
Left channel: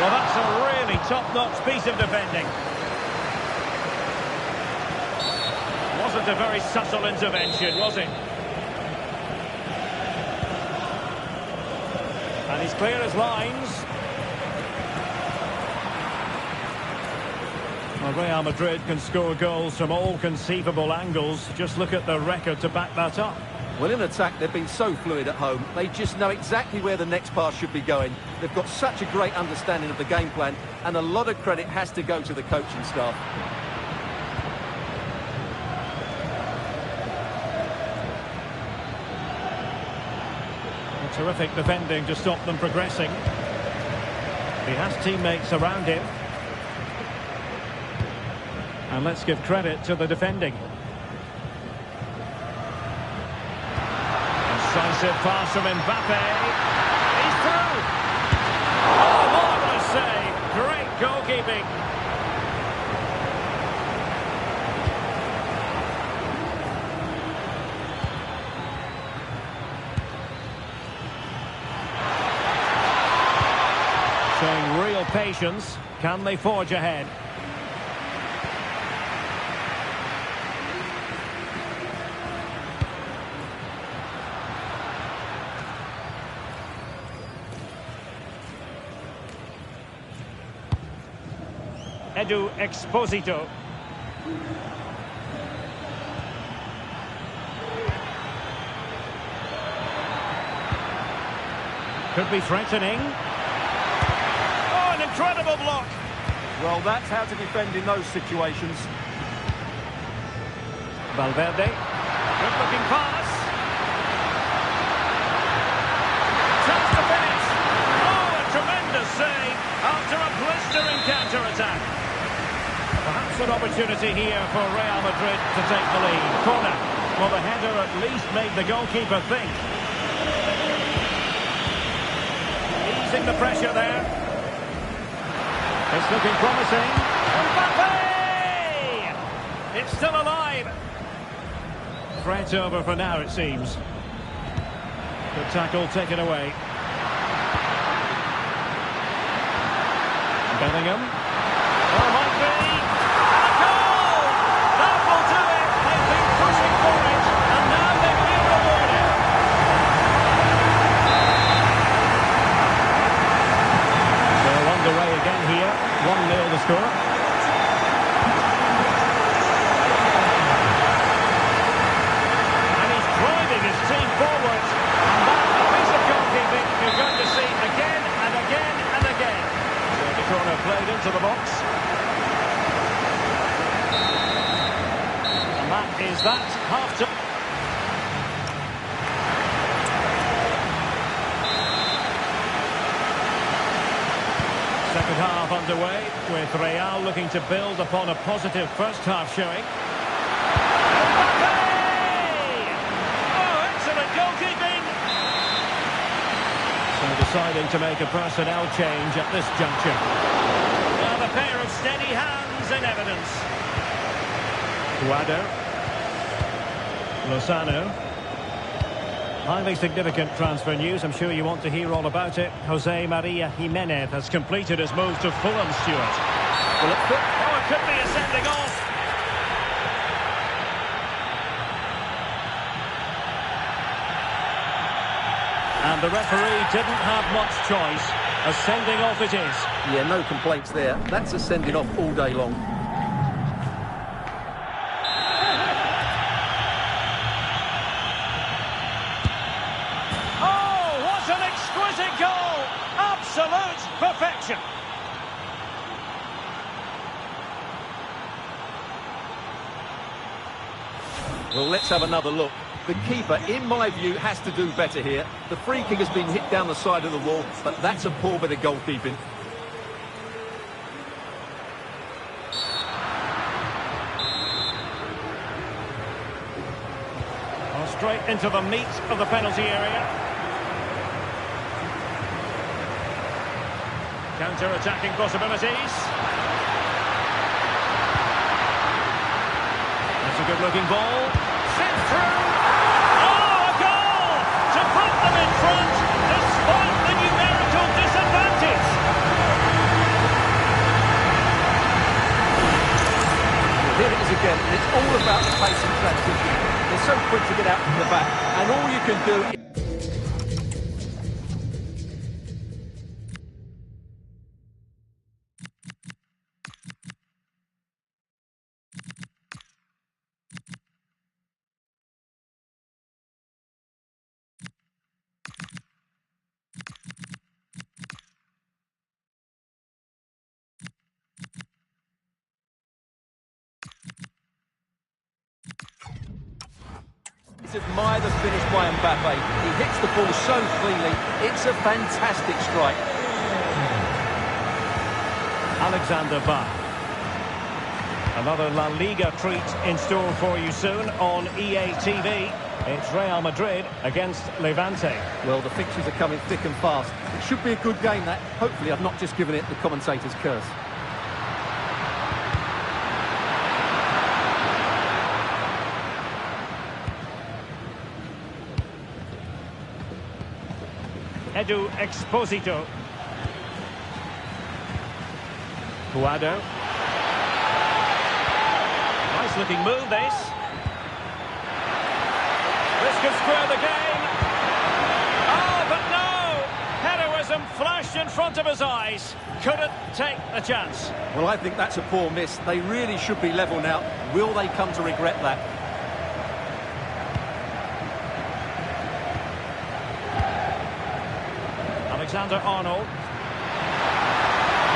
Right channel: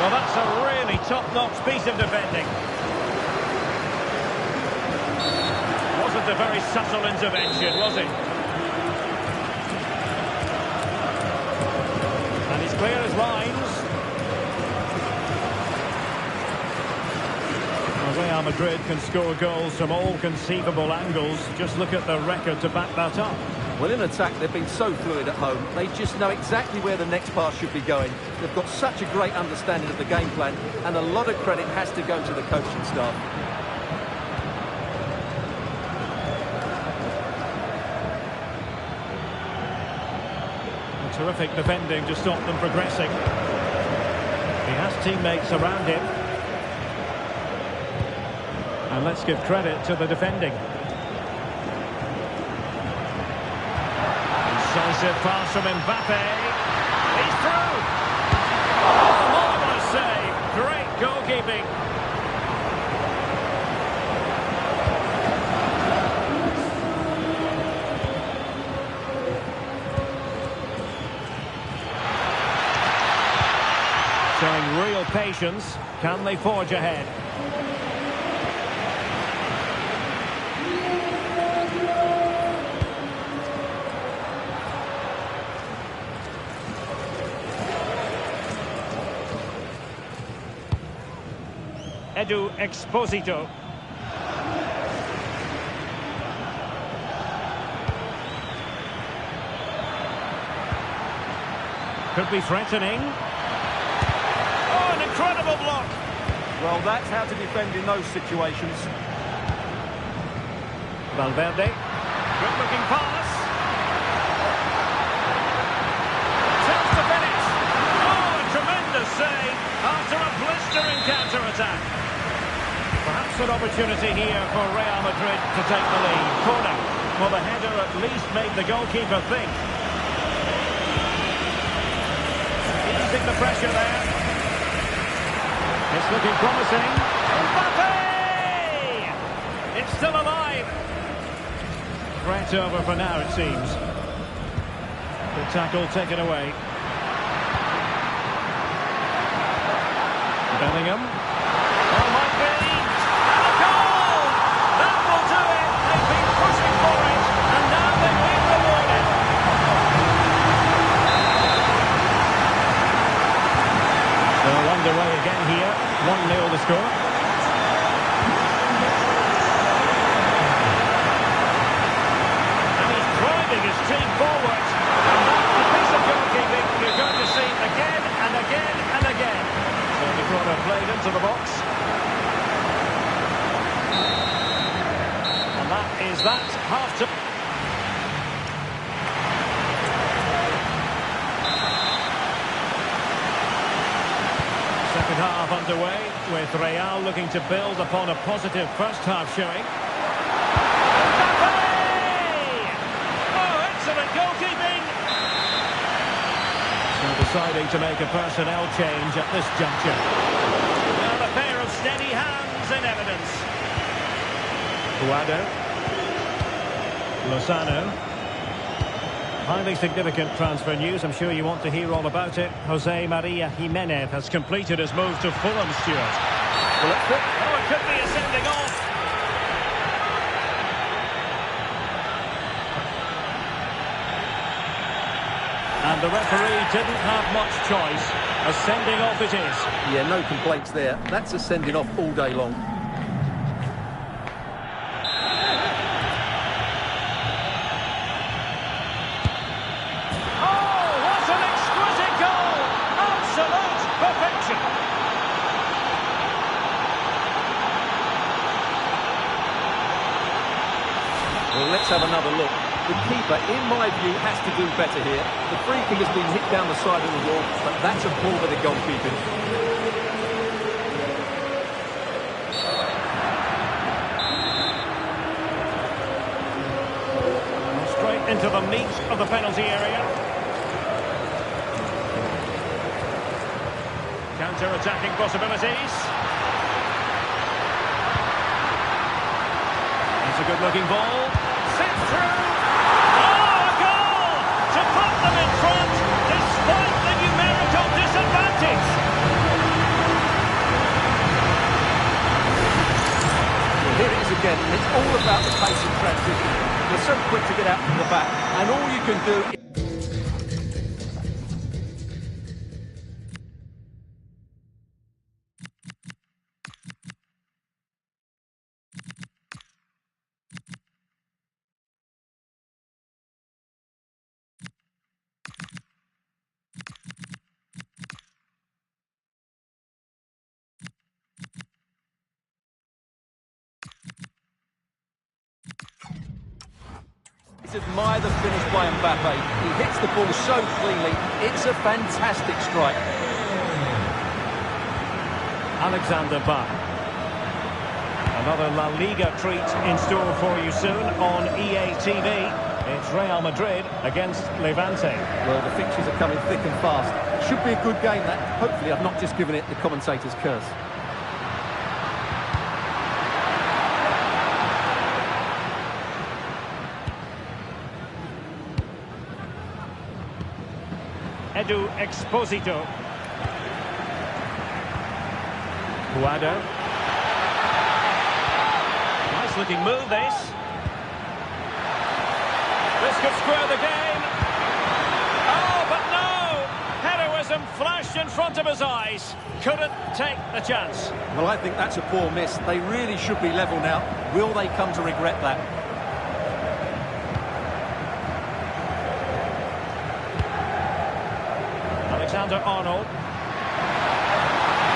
Well, that's a really top-notch piece of defending. Wasn't a very subtle intervention, was it? And he's clear as lines. Well, Real Madrid can score goals from all conceivable angles. Just look at the record to back that up. Well, in attack, they've been so fluid at home. They just know exactly where the next pass should be going. They've got such a great understanding of the game plan, and a lot of credit has to go to the coaching staff. Well, terrific defending to stop them progressing. He has teammates around him. And let's give credit to the defending. Decisive pass from Mbappe. He's through. Oh, marvellous save. Great goalkeeping. Showing real patience. Can they forge ahead? Edu Exposito. Could be threatening. Oh, an incredible block. Well, that's how to defend in those situations. Valverde. Good-looking pass. Chance to finish. Oh, a tremendous save after a blistering counter-attack. Perhaps an opportunity here for Real Madrid to take the lead. Corner. Well, the header at least made the goalkeeper think. Easing the pressure there. It's looking promising. Mbappe! It's still alive. Threat over for now, it seems. The tackle taken away. Bellingham. Oh, might be. And a goal! That will do it. They've been pushing for it, and now they've been rewarded. So underway again here. 1-0 the score. And he's driving his team forward. And that's a piece of goalkeeping you're going to see again and again and again. So the corner played into the box. And that is that. Half-time. Second half underway, with Real looking to build upon a positive first half showing. Mbappe! Oh, excellent goalkeeping! So deciding to make a personnel change at this juncture. Now the pair of steady hands in evidence. Guado. Lozano. Highly significant transfer news. I'm sure you want to hear all about it. Jose Maria Jimenez has completed his move to Fulham, Stuart. Well, it could be a sending off. And the referee didn't have much choice. A sending off it is. Yeah, no complaints there. That's a sending off all day long. Absolute perfection. Well, let's have another look. The keeper, in my view, has to do better here. The free kick has been hit down the side of the wall, but that's a poor bit of goalkeeping. Well, straight into the meat of the penalty area. Counter-attacking possibilities. And That's a good-looking ball. Sent through. Oh, a goal! To put them in front, despite the numerical disadvantage. Well, here it is again, and it's all about the pace and transition. They're so quick to get out from the back, and all you can do is... Admire the finish by Mbappe. He hits the ball so cleanly. It's a fantastic strike. Alexander Bach. Another La Liga treat in store for you soon on EA TV. It's Real Madrid against Levante. Well, the fixtures are coming thick and fast. It should be a good game, that. Hopefully I've not just given it the commentator's curse. Edu Exposito. Puado. Nice looking move, this. This could square the game. Oh, but no! Heroism flashed in front of his eyes. Couldn't take the chance. Well, I think that's a poor miss. They really should be level now. Will they come to regret that? Alexander-Arnold.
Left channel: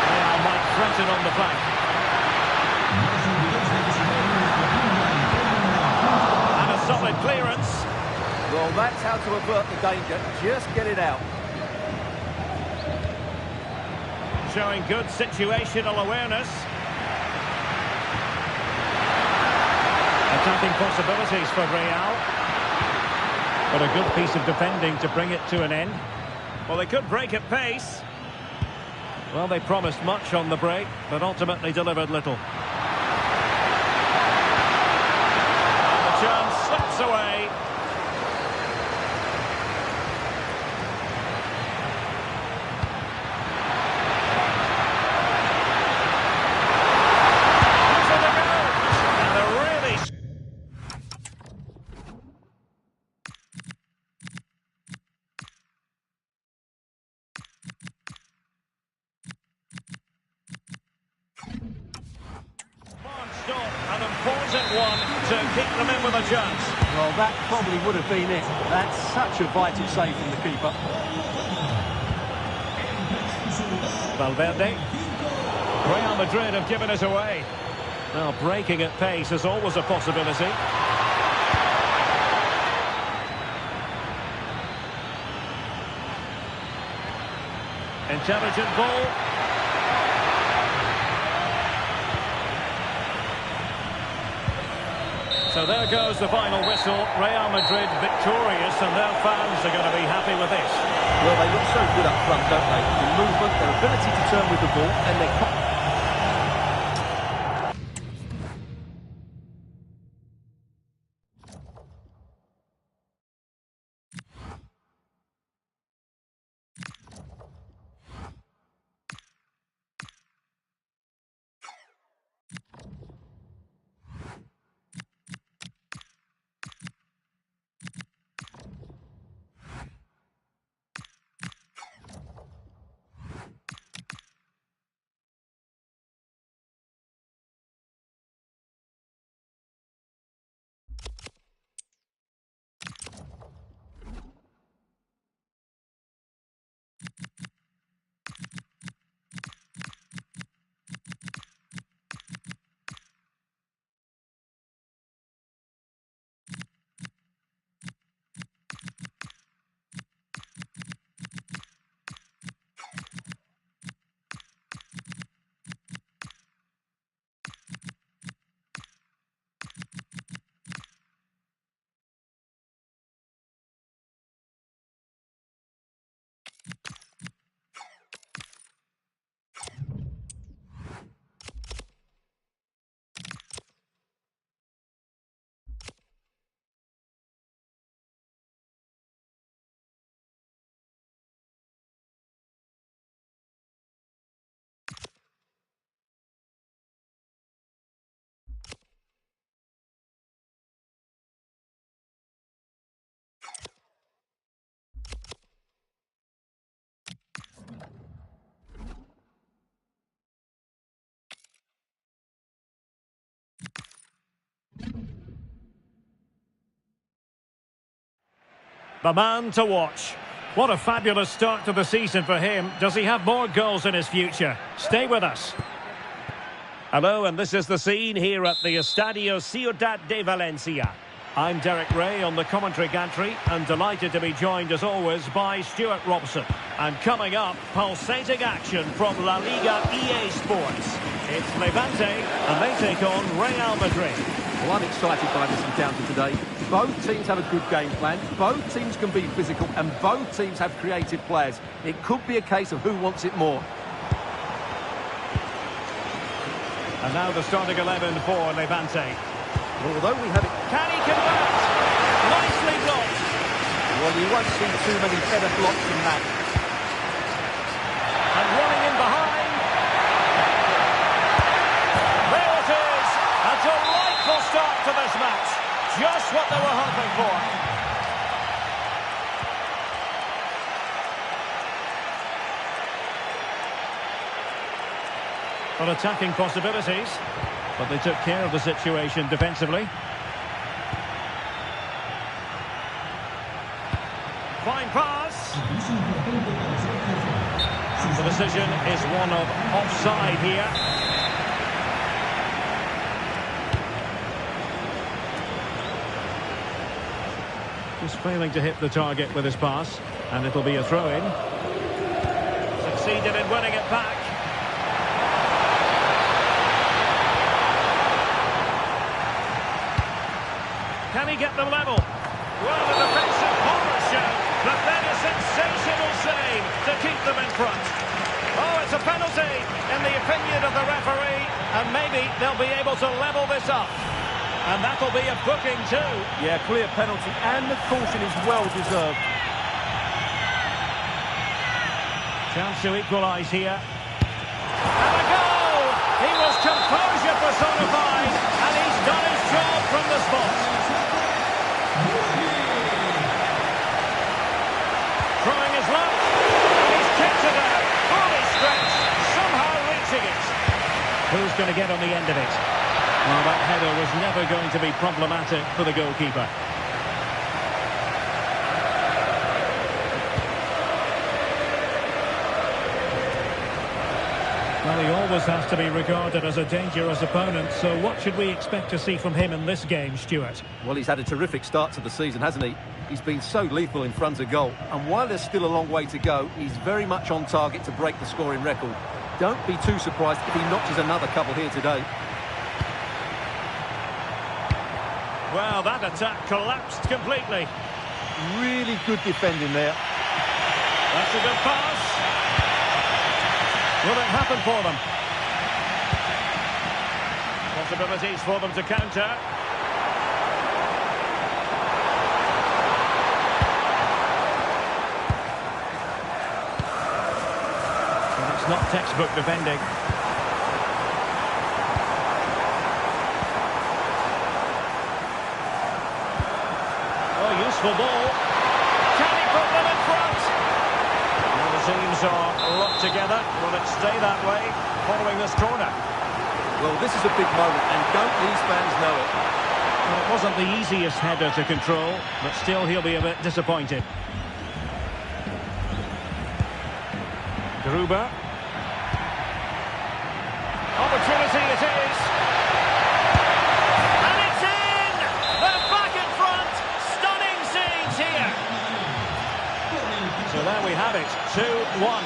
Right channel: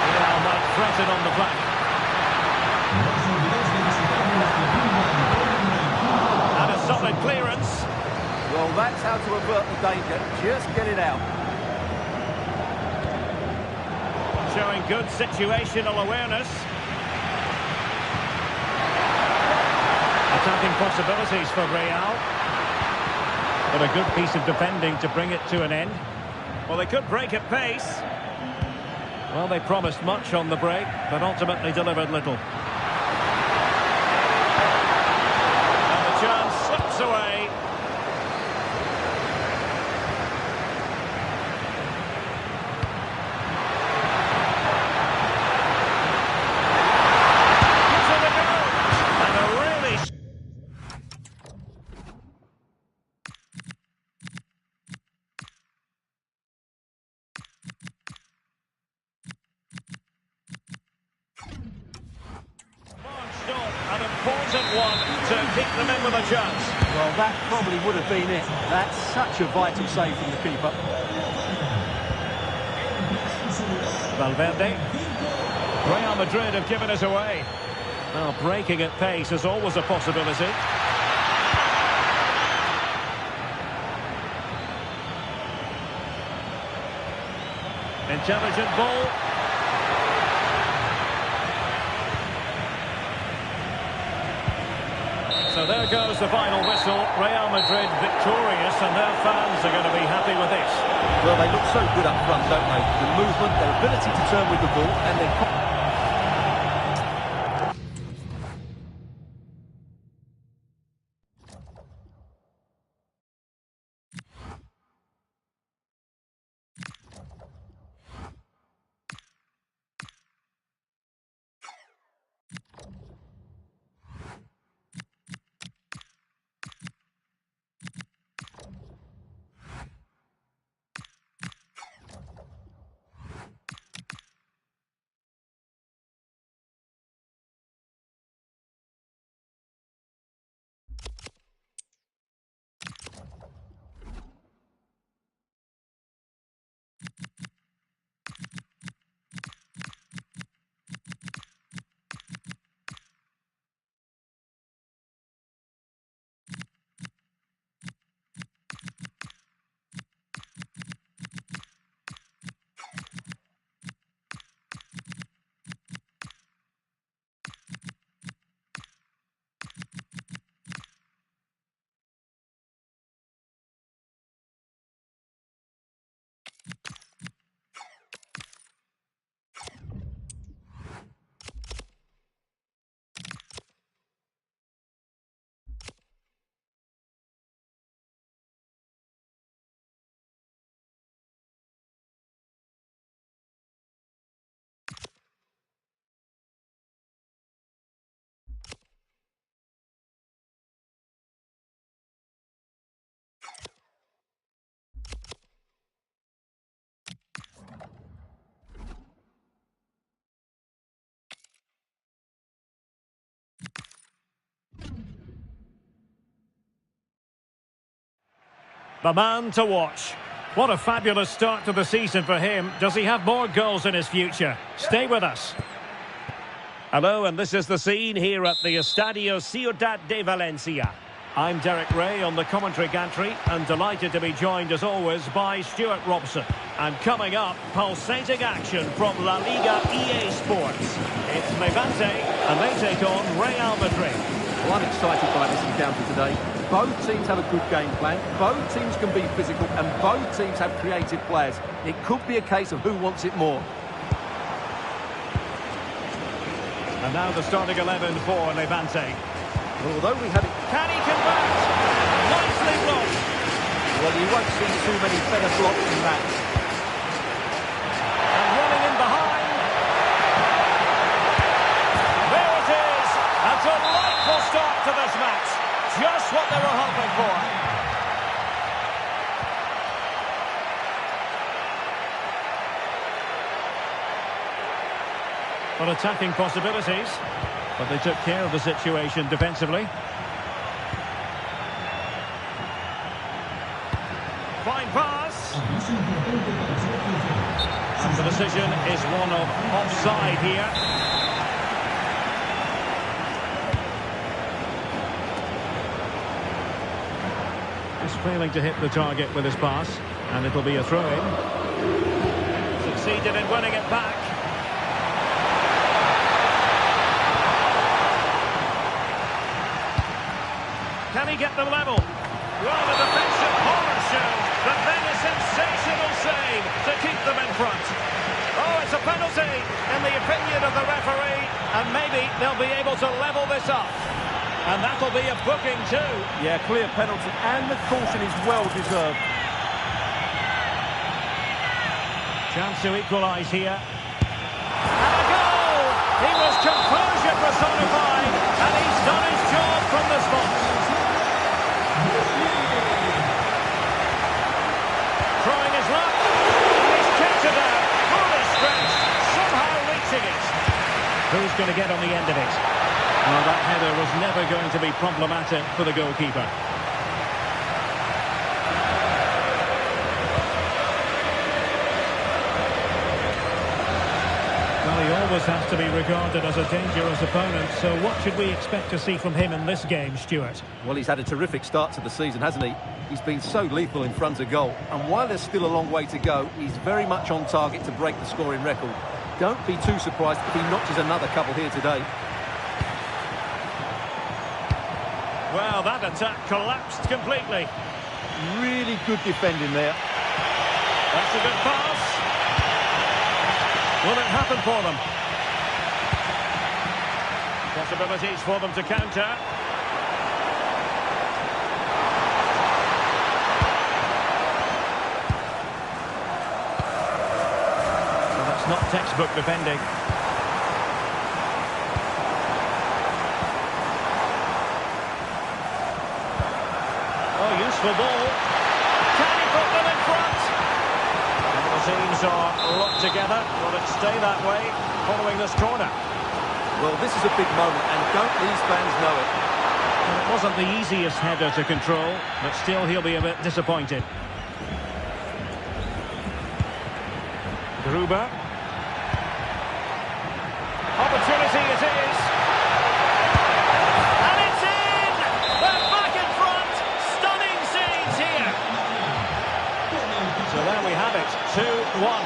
Real might threaten on the flank. And a solid clearance. Well, that's how to avert the danger. Just get it out. Showing good situational awareness. Attacking possibilities for Real. But a good piece of defending to bring it to an end. Well, they could break at pace. Well, they promised much on the break, but ultimately delivered little. And the chance slips away. Gives it a go. And a really... An important one to keep them in with a chance. Well, that probably would have been it. That's such a vital save from the keeper. Valverde. Real Madrid have given it away. Now, breaking at pace is always a possibility. Intelligent ball. So there goes the final whistle. Real Madrid victorious, and their fans are going to be happy with this. Well, they look so good up front, don't they? The movement, their ability to turn with the ball, and their... The man to watch. What a fabulous start to the season for him. Does he have more goals in his future? Stay with us. Hello, and this is the scene here at the Estadio Ciudad de Valencia. I'm Derek Ray on the commentary gantry and delighted to be joined as always by Stuart Robson. And coming up, pulsating action from La Liga EA Sports. It's Levante and they take on Real Madrid. Well, I'm excited by this encounter today. Both teams have a good game plan, both teams can be physical and both teams have creative players. It could be a case of who wants it more. And now the starting 11 for Levante. Well, although we have it... Can he convert? Nicely blocked. Well, you won't see too many better blocks than that. And running in behind. There it is. A delightful start to this match. Just what they were hoping for. Well, attacking possibilities, but they took care of the situation defensively. Fine pass. And the decision is one of offside here. Just failing to hit the target with his pass, and it'll be a throw-in. Succeeded in winning it back. Can he get them level? Well, the defensive horror show, but then a sensational save to keep them in front. Oh, it's a penalty in the opinion of the referee, and maybe they'll be able to level this up. And that'll be a booking too. Yeah, clear penalty, and the caution is well deserved. Chance to equalise here. And a goal! He was composure personified, and he's done his job from the spot. Trying his luck, and he's kicked it out, fully stretched, somehow reaching it. Who's going to get on the end of it? Well, that header was never going to be problematic for the goalkeeper. Well, he always has to be regarded as a dangerous opponent, so what should we expect to see from him in this game, Stuart? Well, he's had a terrific start to the season, hasn't he? He's been so lethal in front of goal, and while there's still a long way to go, he's very much on target to break the scoring record. Don't be too surprised if he notches another couple here today. Well, that attack collapsed completely. Really good defending there. That's a good pass. Will it happen for them? Possibilities for them to counter. Well, that's not textbook defending. Oh, useful ball. Can he put them in front? Well, the teams are locked together. Will it stay that way following this corner? Well, this is a big moment, and don't these fans know it? Well, it wasn't the easiest header to control, but still he'll be a bit disappointed. Gruber. Opportunity it is. And it's in! They're back in front! Stunning scenes here! So there we have it, 2-1.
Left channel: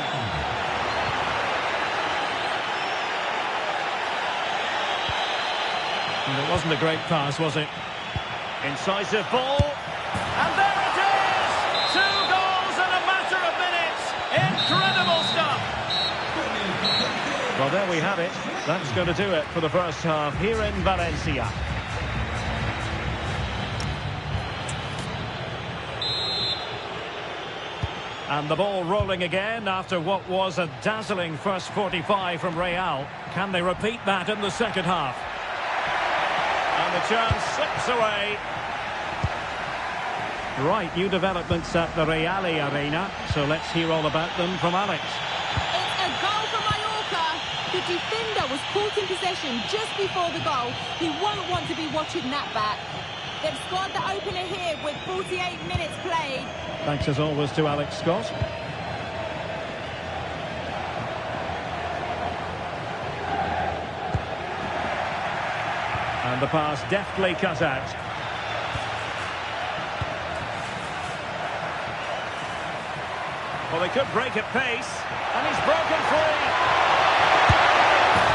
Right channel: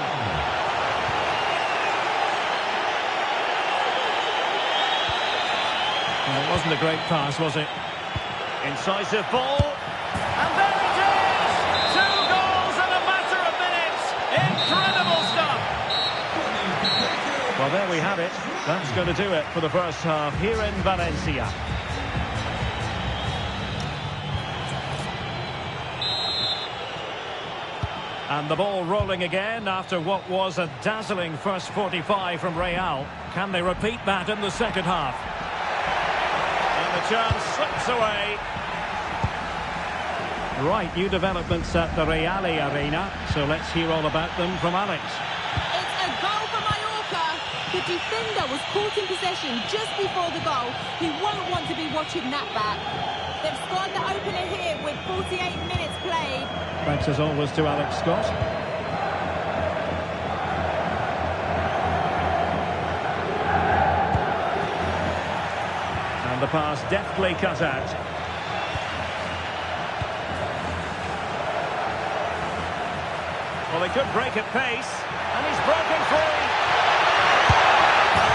And it wasn't a great pass, was it? Incisive ball. And there it is! 2 goals in a matter of minutes! Incredible stuff! Well, there we have it. That's going to do it for the first half here in Valencia. And the ball rolling again after what was a dazzling first 45 from Real. Can they repeat that in the second half? And the chance slips away. Right, new developments at the Reale Arena, so let's hear all about them from Alex. It's a goal for Mallorca. The defender was caught in possession just before the goal. He won't want to be watching that back. They've scored the opener here with 48 minutes played. Thanks as always to Alex Scott. And the pass deftly cut out. Well, they could break at pace, and he's broken free.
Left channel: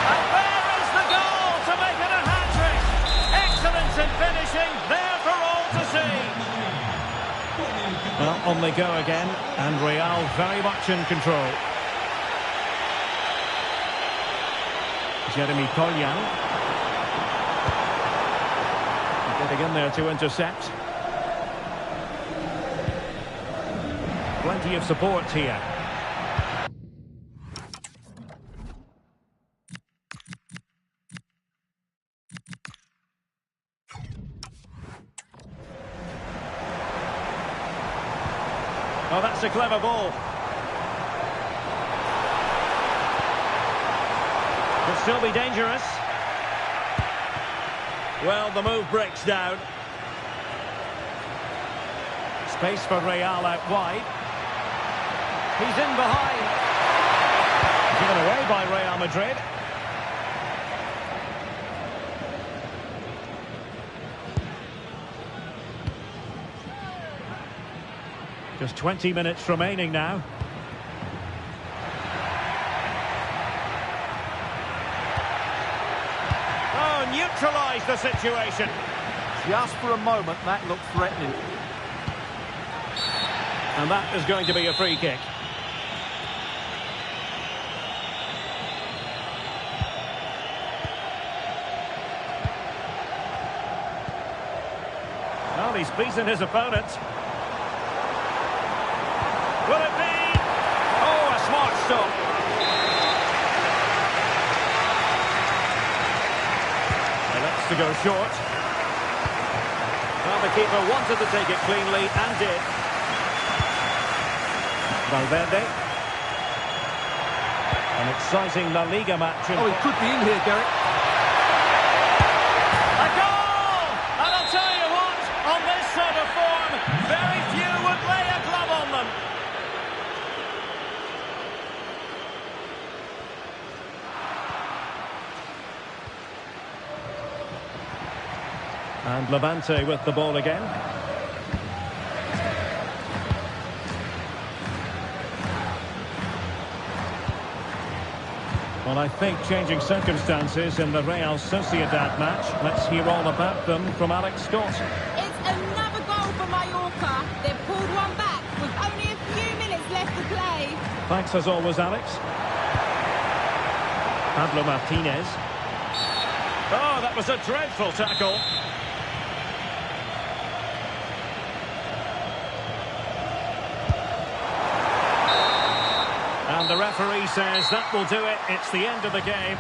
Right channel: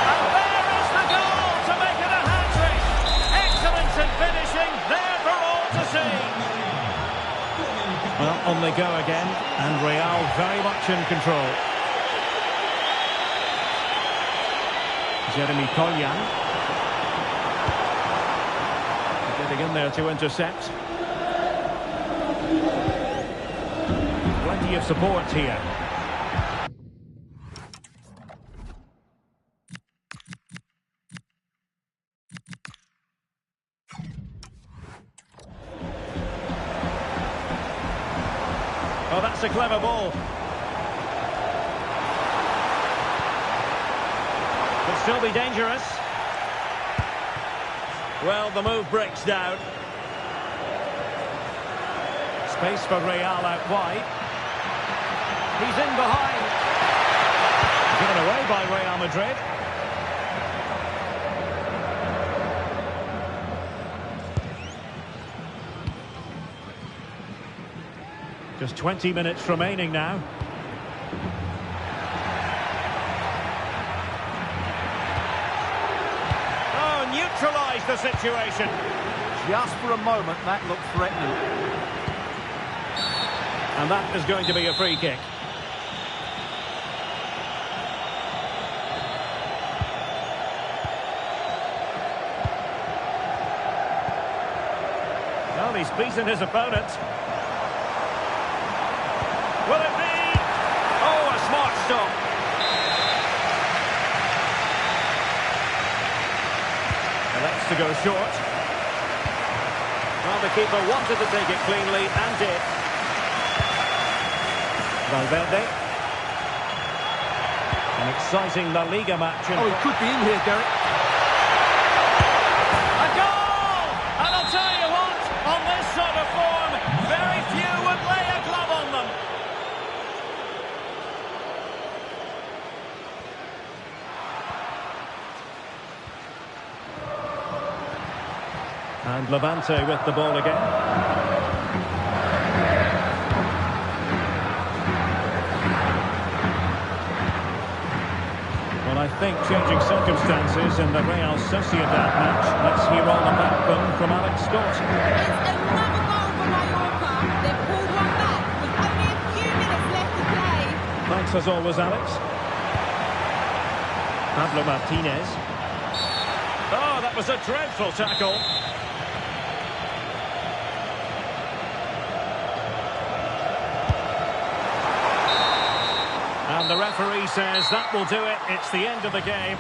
And there is the goal to make it a hat-trick. Excellence in finishing, there for all to see. Well, on they go again, and Real very much in control. Jeremy Collian. Getting in there to intercept. Plenty of support here. Oh, that's a clever ball. Could still be dangerous. Well, the move breaks down. Space for Real out wide. He's in behind. Given away by Real Madrid. Just 20 minutes remaining now. Oh, neutralised the situation. Just for a moment, that looked threatening. And that is going to be a free kick. Well, he's beaten his opponent. Will it be? Oh, a smart stop. Elects to go short. Well, the keeper wanted to take it cleanly and did. Valverde. An exciting La Liga match. Oh, he could be in here, Derek. A goal! And I'll tell you what, on this sort of form, very few would lay a glove on them. And Levante with the ball again. Well, I think changing circumstances in the Real Sociedad match. Let's hear all about them from Alex Scott. It's another goal for Mallorca. They've pulled one back with only a few minutes left to play. Thanks as always, Alex. Pablo Martinez. Oh, that was a dreadful tackle. And the referee says that will do it. It's the end of the game.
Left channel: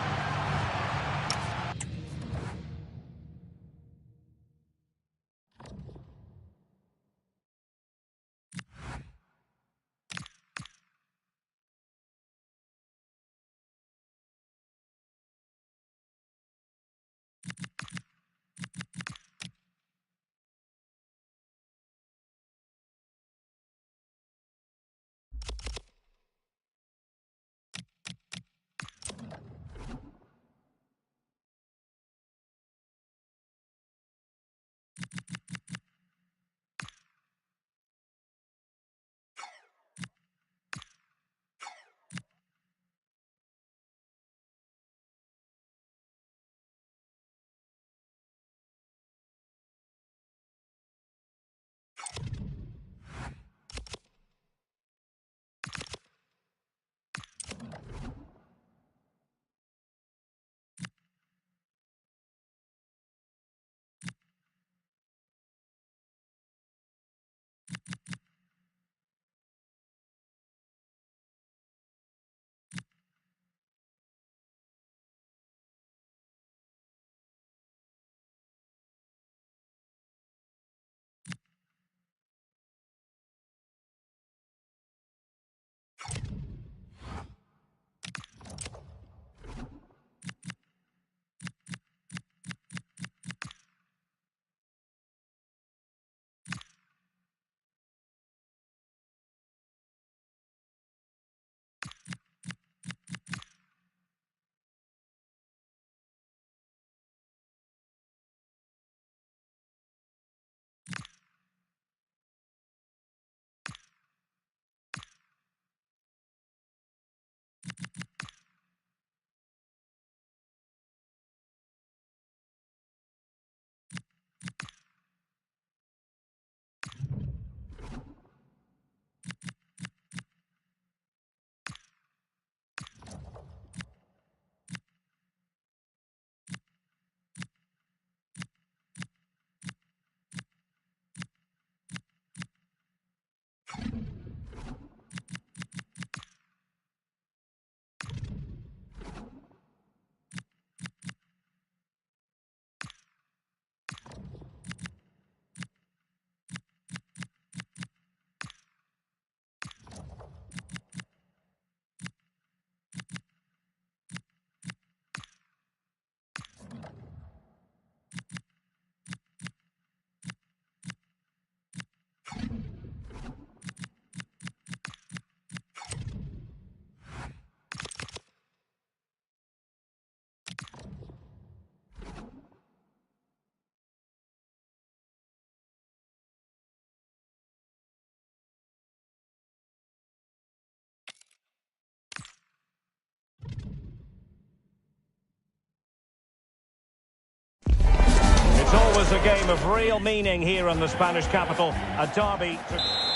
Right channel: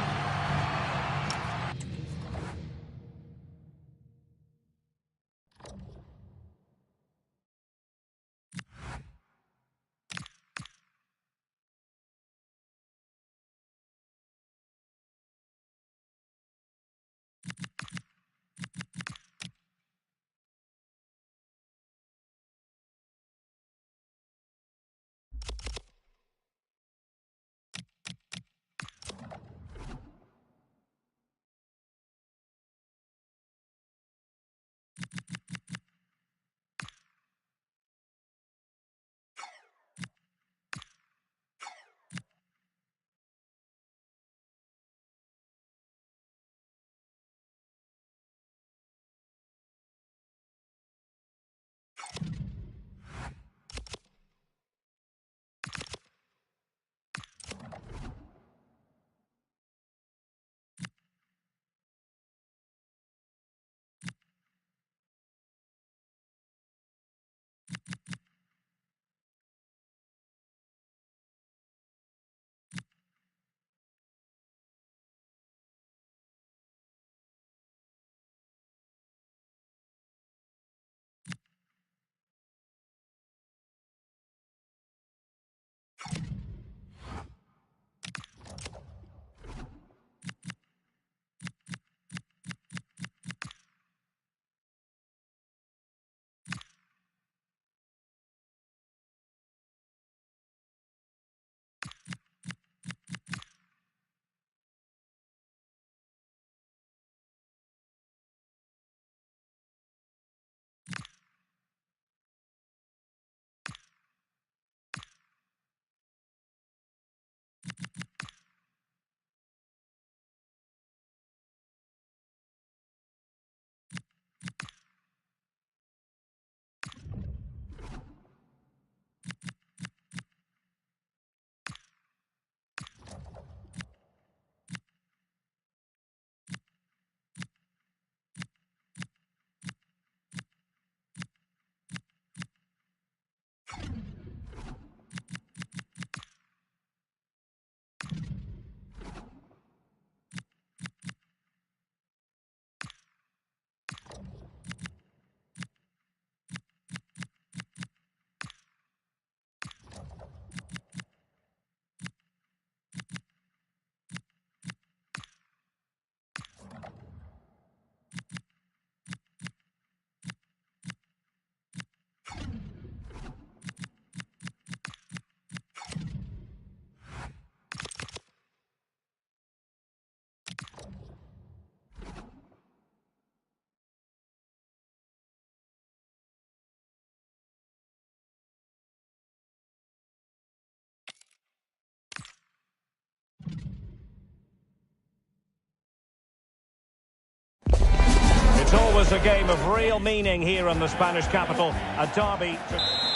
is a game of real meaning here in the Spanish capital. A derby.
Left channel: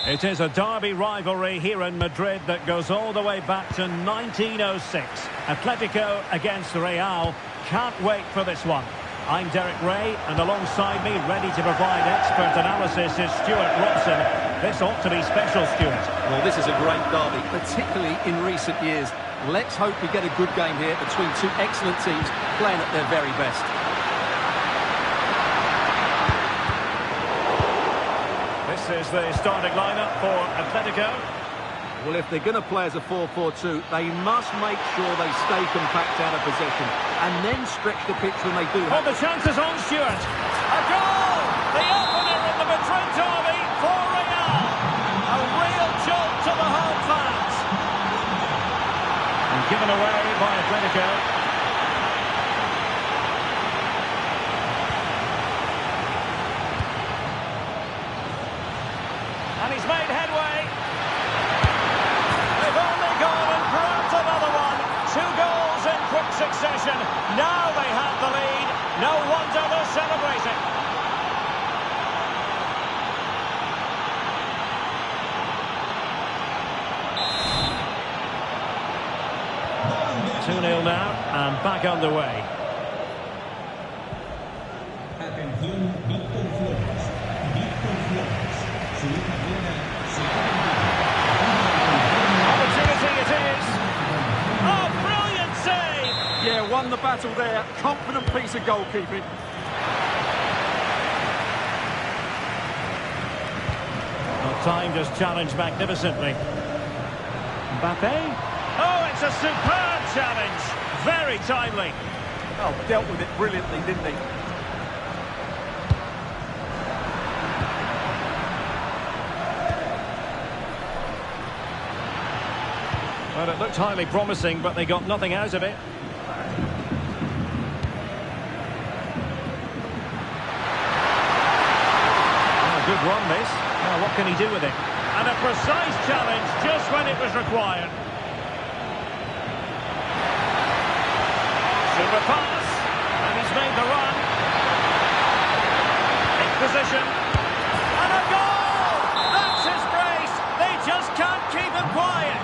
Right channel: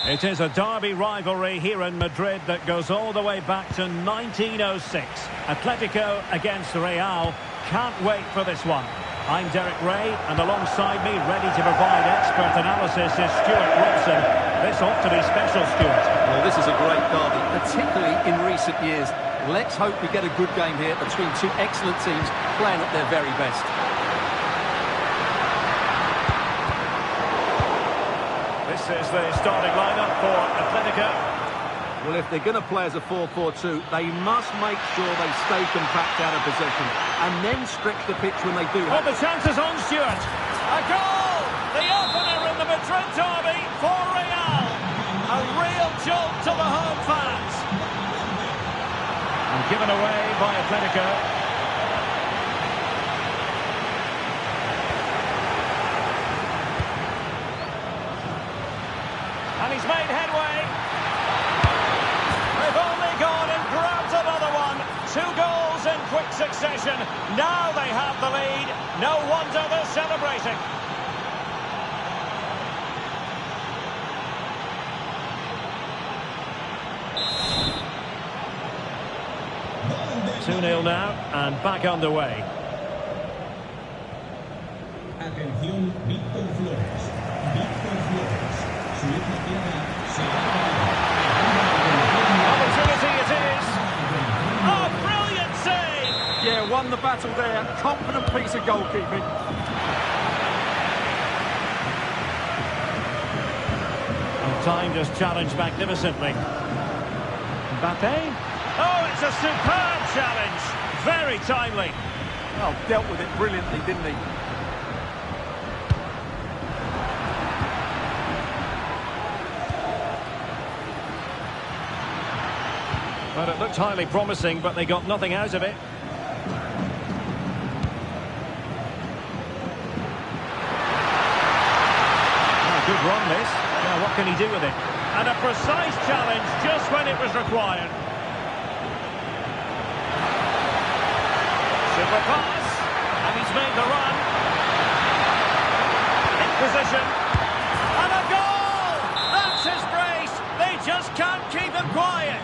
It is a derby rivalry here in Madrid that goes all the way back to 1906. Atletico against Real. Can't wait for this one. I'm Derek Ray, and alongside me, ready to provide expert analysis, is Stuart Robson. This ought to be special, Stuart. Well, this is a great derby, particularly in recent years. Let's hope we get a good game here between two excellent teams playing at their very best. This is the starting lineup for Atletico. Well, if they're going to play as a 4-4-2, they must make sure they stay compact out of possession and then stretch the pitch when they do have the chances on, Stuart. A goal! The opener in the Madrid derby for Real. A real jolt to the home fans. And given away by Atletico. And he's made headway. They've only gone and grabbed another one. 2 goals in quick succession. Now they have the lead. No wonder they're celebrating. Ballon 2-0 now, and back underway. Atención, Víctor Flores. Víctor Flores. Su hija Clara se Opportunity it is. Oh, brilliant save! Yeah, won the battle there. Confident piece of goalkeeping. Well, time just challenged magnificently. Mbappe. Oh, it's a superb challenge. Very timely. Oh, dealt with it brilliantly, didn't he? Well, it looked highly promising, but they got nothing out of it. Oh, a good run, this. Now, what can he do with it? And a precise challenge just when it was required. Super pass. And he's made the run. In position. And a goal! That's his brace. They just can't keep him quiet.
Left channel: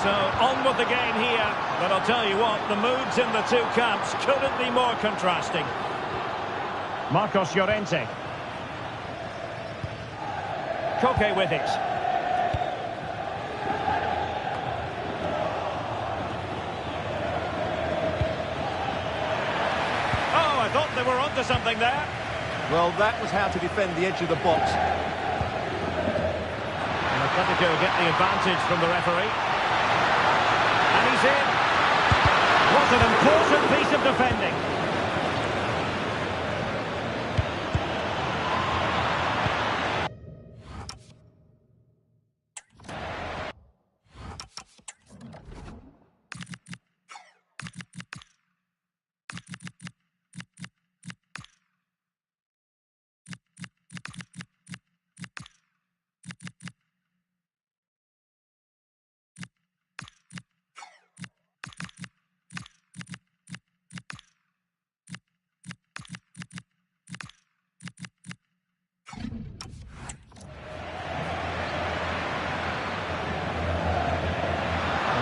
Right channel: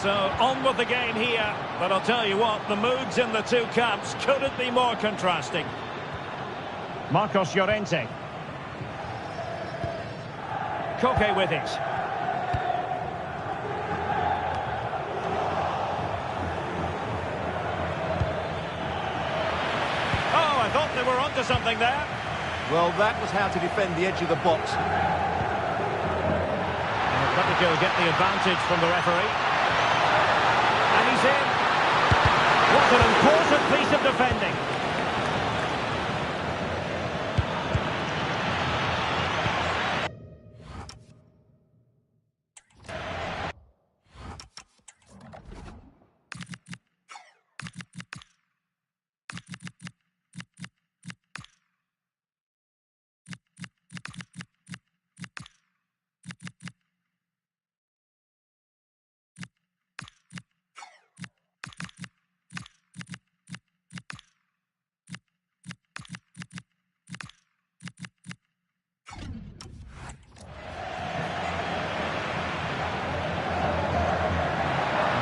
So, on with the game here. But I'll tell you what, the moods in the two camps couldn't be more contrasting. Marcos Llorente. Koke with it. Oh, I thought they were onto something there. Well, that was how to defend the edge of the box. And Atletico get the advantage from the referee. And he's in. What an important piece of defending.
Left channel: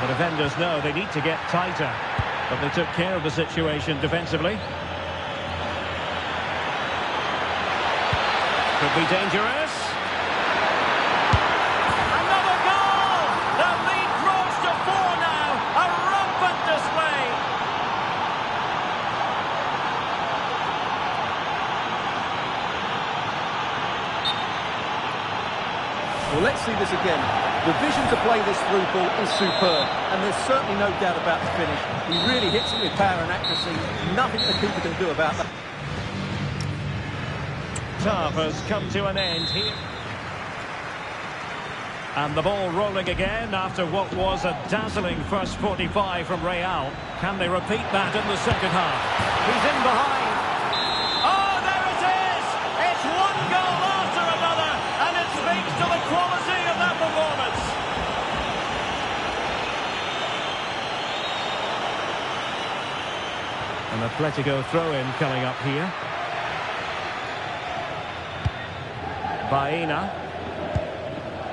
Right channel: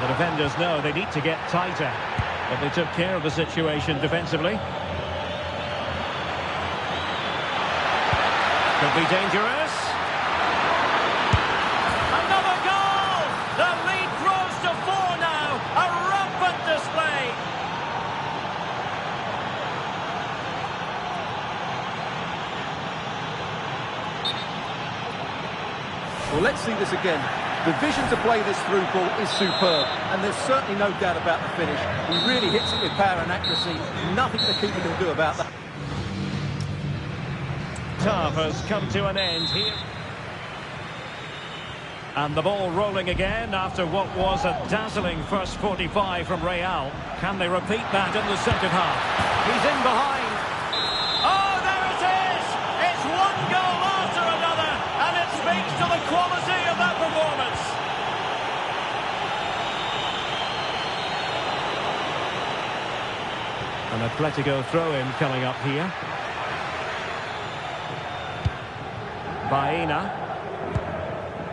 The defenders know they need to get tighter, but they took care of the situation defensively. Could be dangerous. Another goal! The lead grows to 4 now. A rampant display. Well, let's see this again. The vision to play this through ball is superb, and there's certainly no doubt about the finish. He really hits it with power and accuracy. Nothing the keeper can do about that. Tough has come to an end here. And the ball rolling again after what was a dazzling first 45 from Real. Can they repeat that in the second half? He's in behind. Oh, there it is! It's one goal after another, and it speaks to the quality of that performance. An Atletico throw-in coming up here. Baena.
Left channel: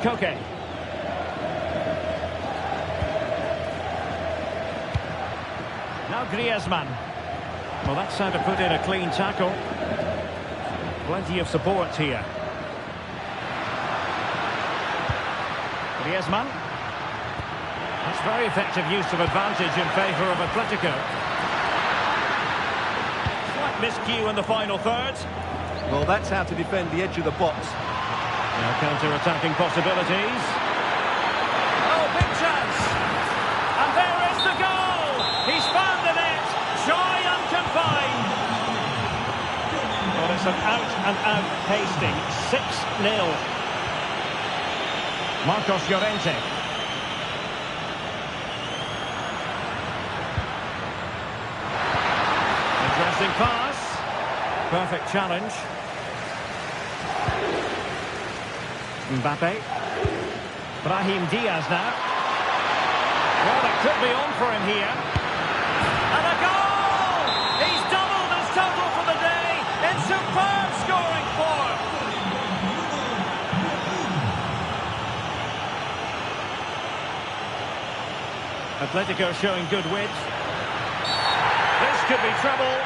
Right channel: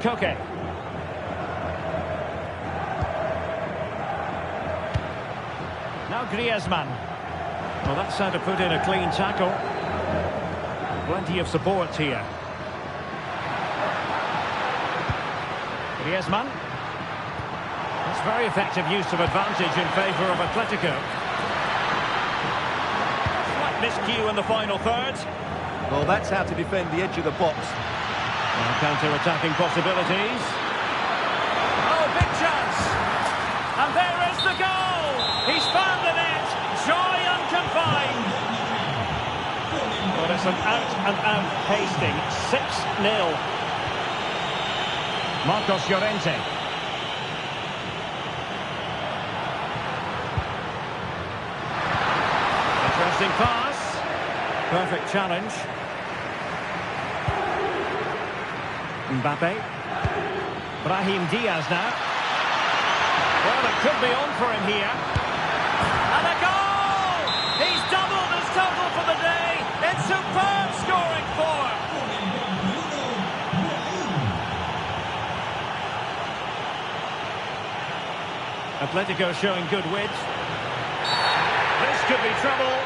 Koke. Now Griezmann. Well, that's how to put in a clean tackle. Plenty of support here. Griezmann. That's very effective use of advantage in favour of Atletico. Slight miscue in the final third. Well, that's how to defend the edge of the box. Now counter-attacking possibilities. Oh, big chance! And there is the goal! He's found the net! Joy unconfined! But it's an out-and-out pasting. 6-0. Marcos Llorente. Interesting pass. Perfect challenge. Mbappe. Brahim Diaz now. Well, it could be on for him here. And a goal! He's doubled his total for the day in superb scoring form. Atletico showing good width. This could be trouble.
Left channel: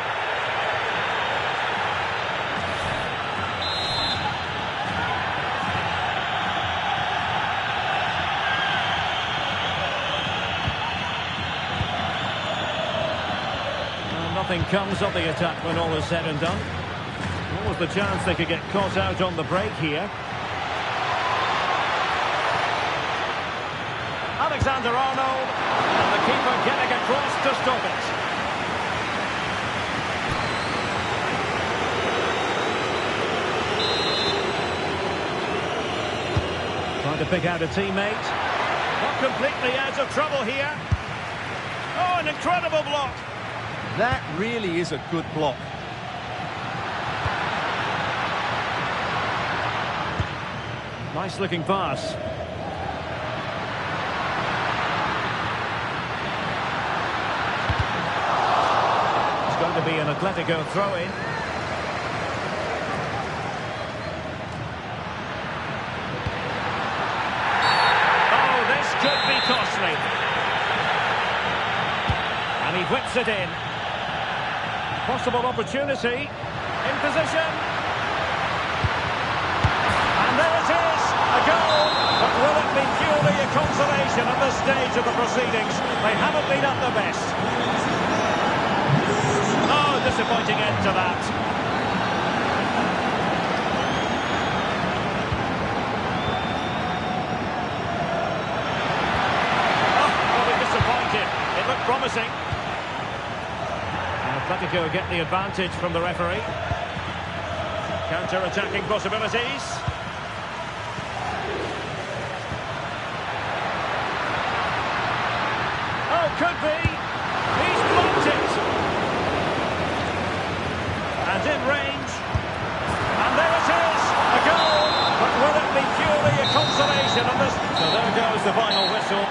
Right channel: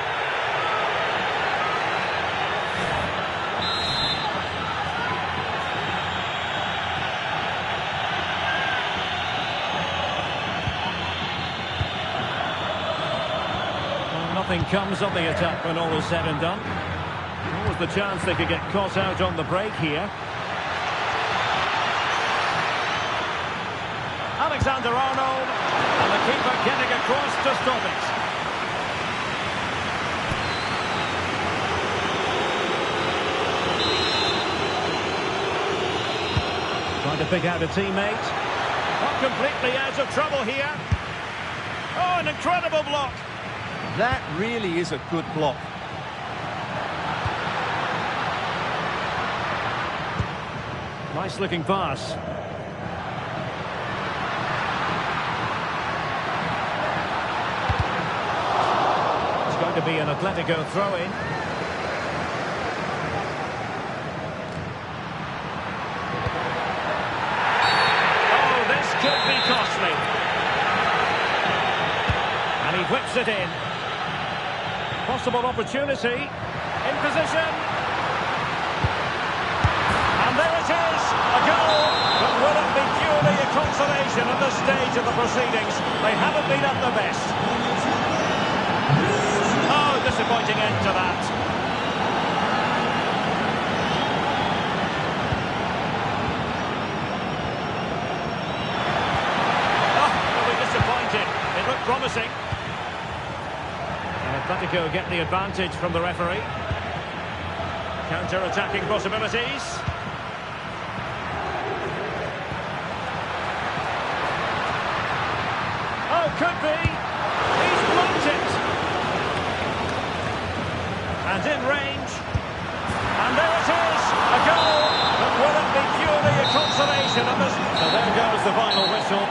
Nothing comes of the attack when all is said and done. What was the chance they could get caught out on the break here? Alexander-Arnold, and the keeper getting across to stop it. Trying to pick out a teammate. Not completely out of trouble here. Oh, an incredible block. That really is a good block. Nice looking pass. It's going to be an Atletico throw-in. Oh, this could be costly. And he whips it in. Possible opportunity. In position. And there it is. A goal. But will it be purely a consolation at this stage of the proceedings? They haven't been at their best. Oh, disappointing end to that. Oh, they'll be disappointed. It looked promising. Atletico get the advantage from the referee. Counter-attacking possibilities. Oh, could be. He's blocked it. And in range. And there it is. A goal. But will it be purely a consolation? So there goes the final whistle.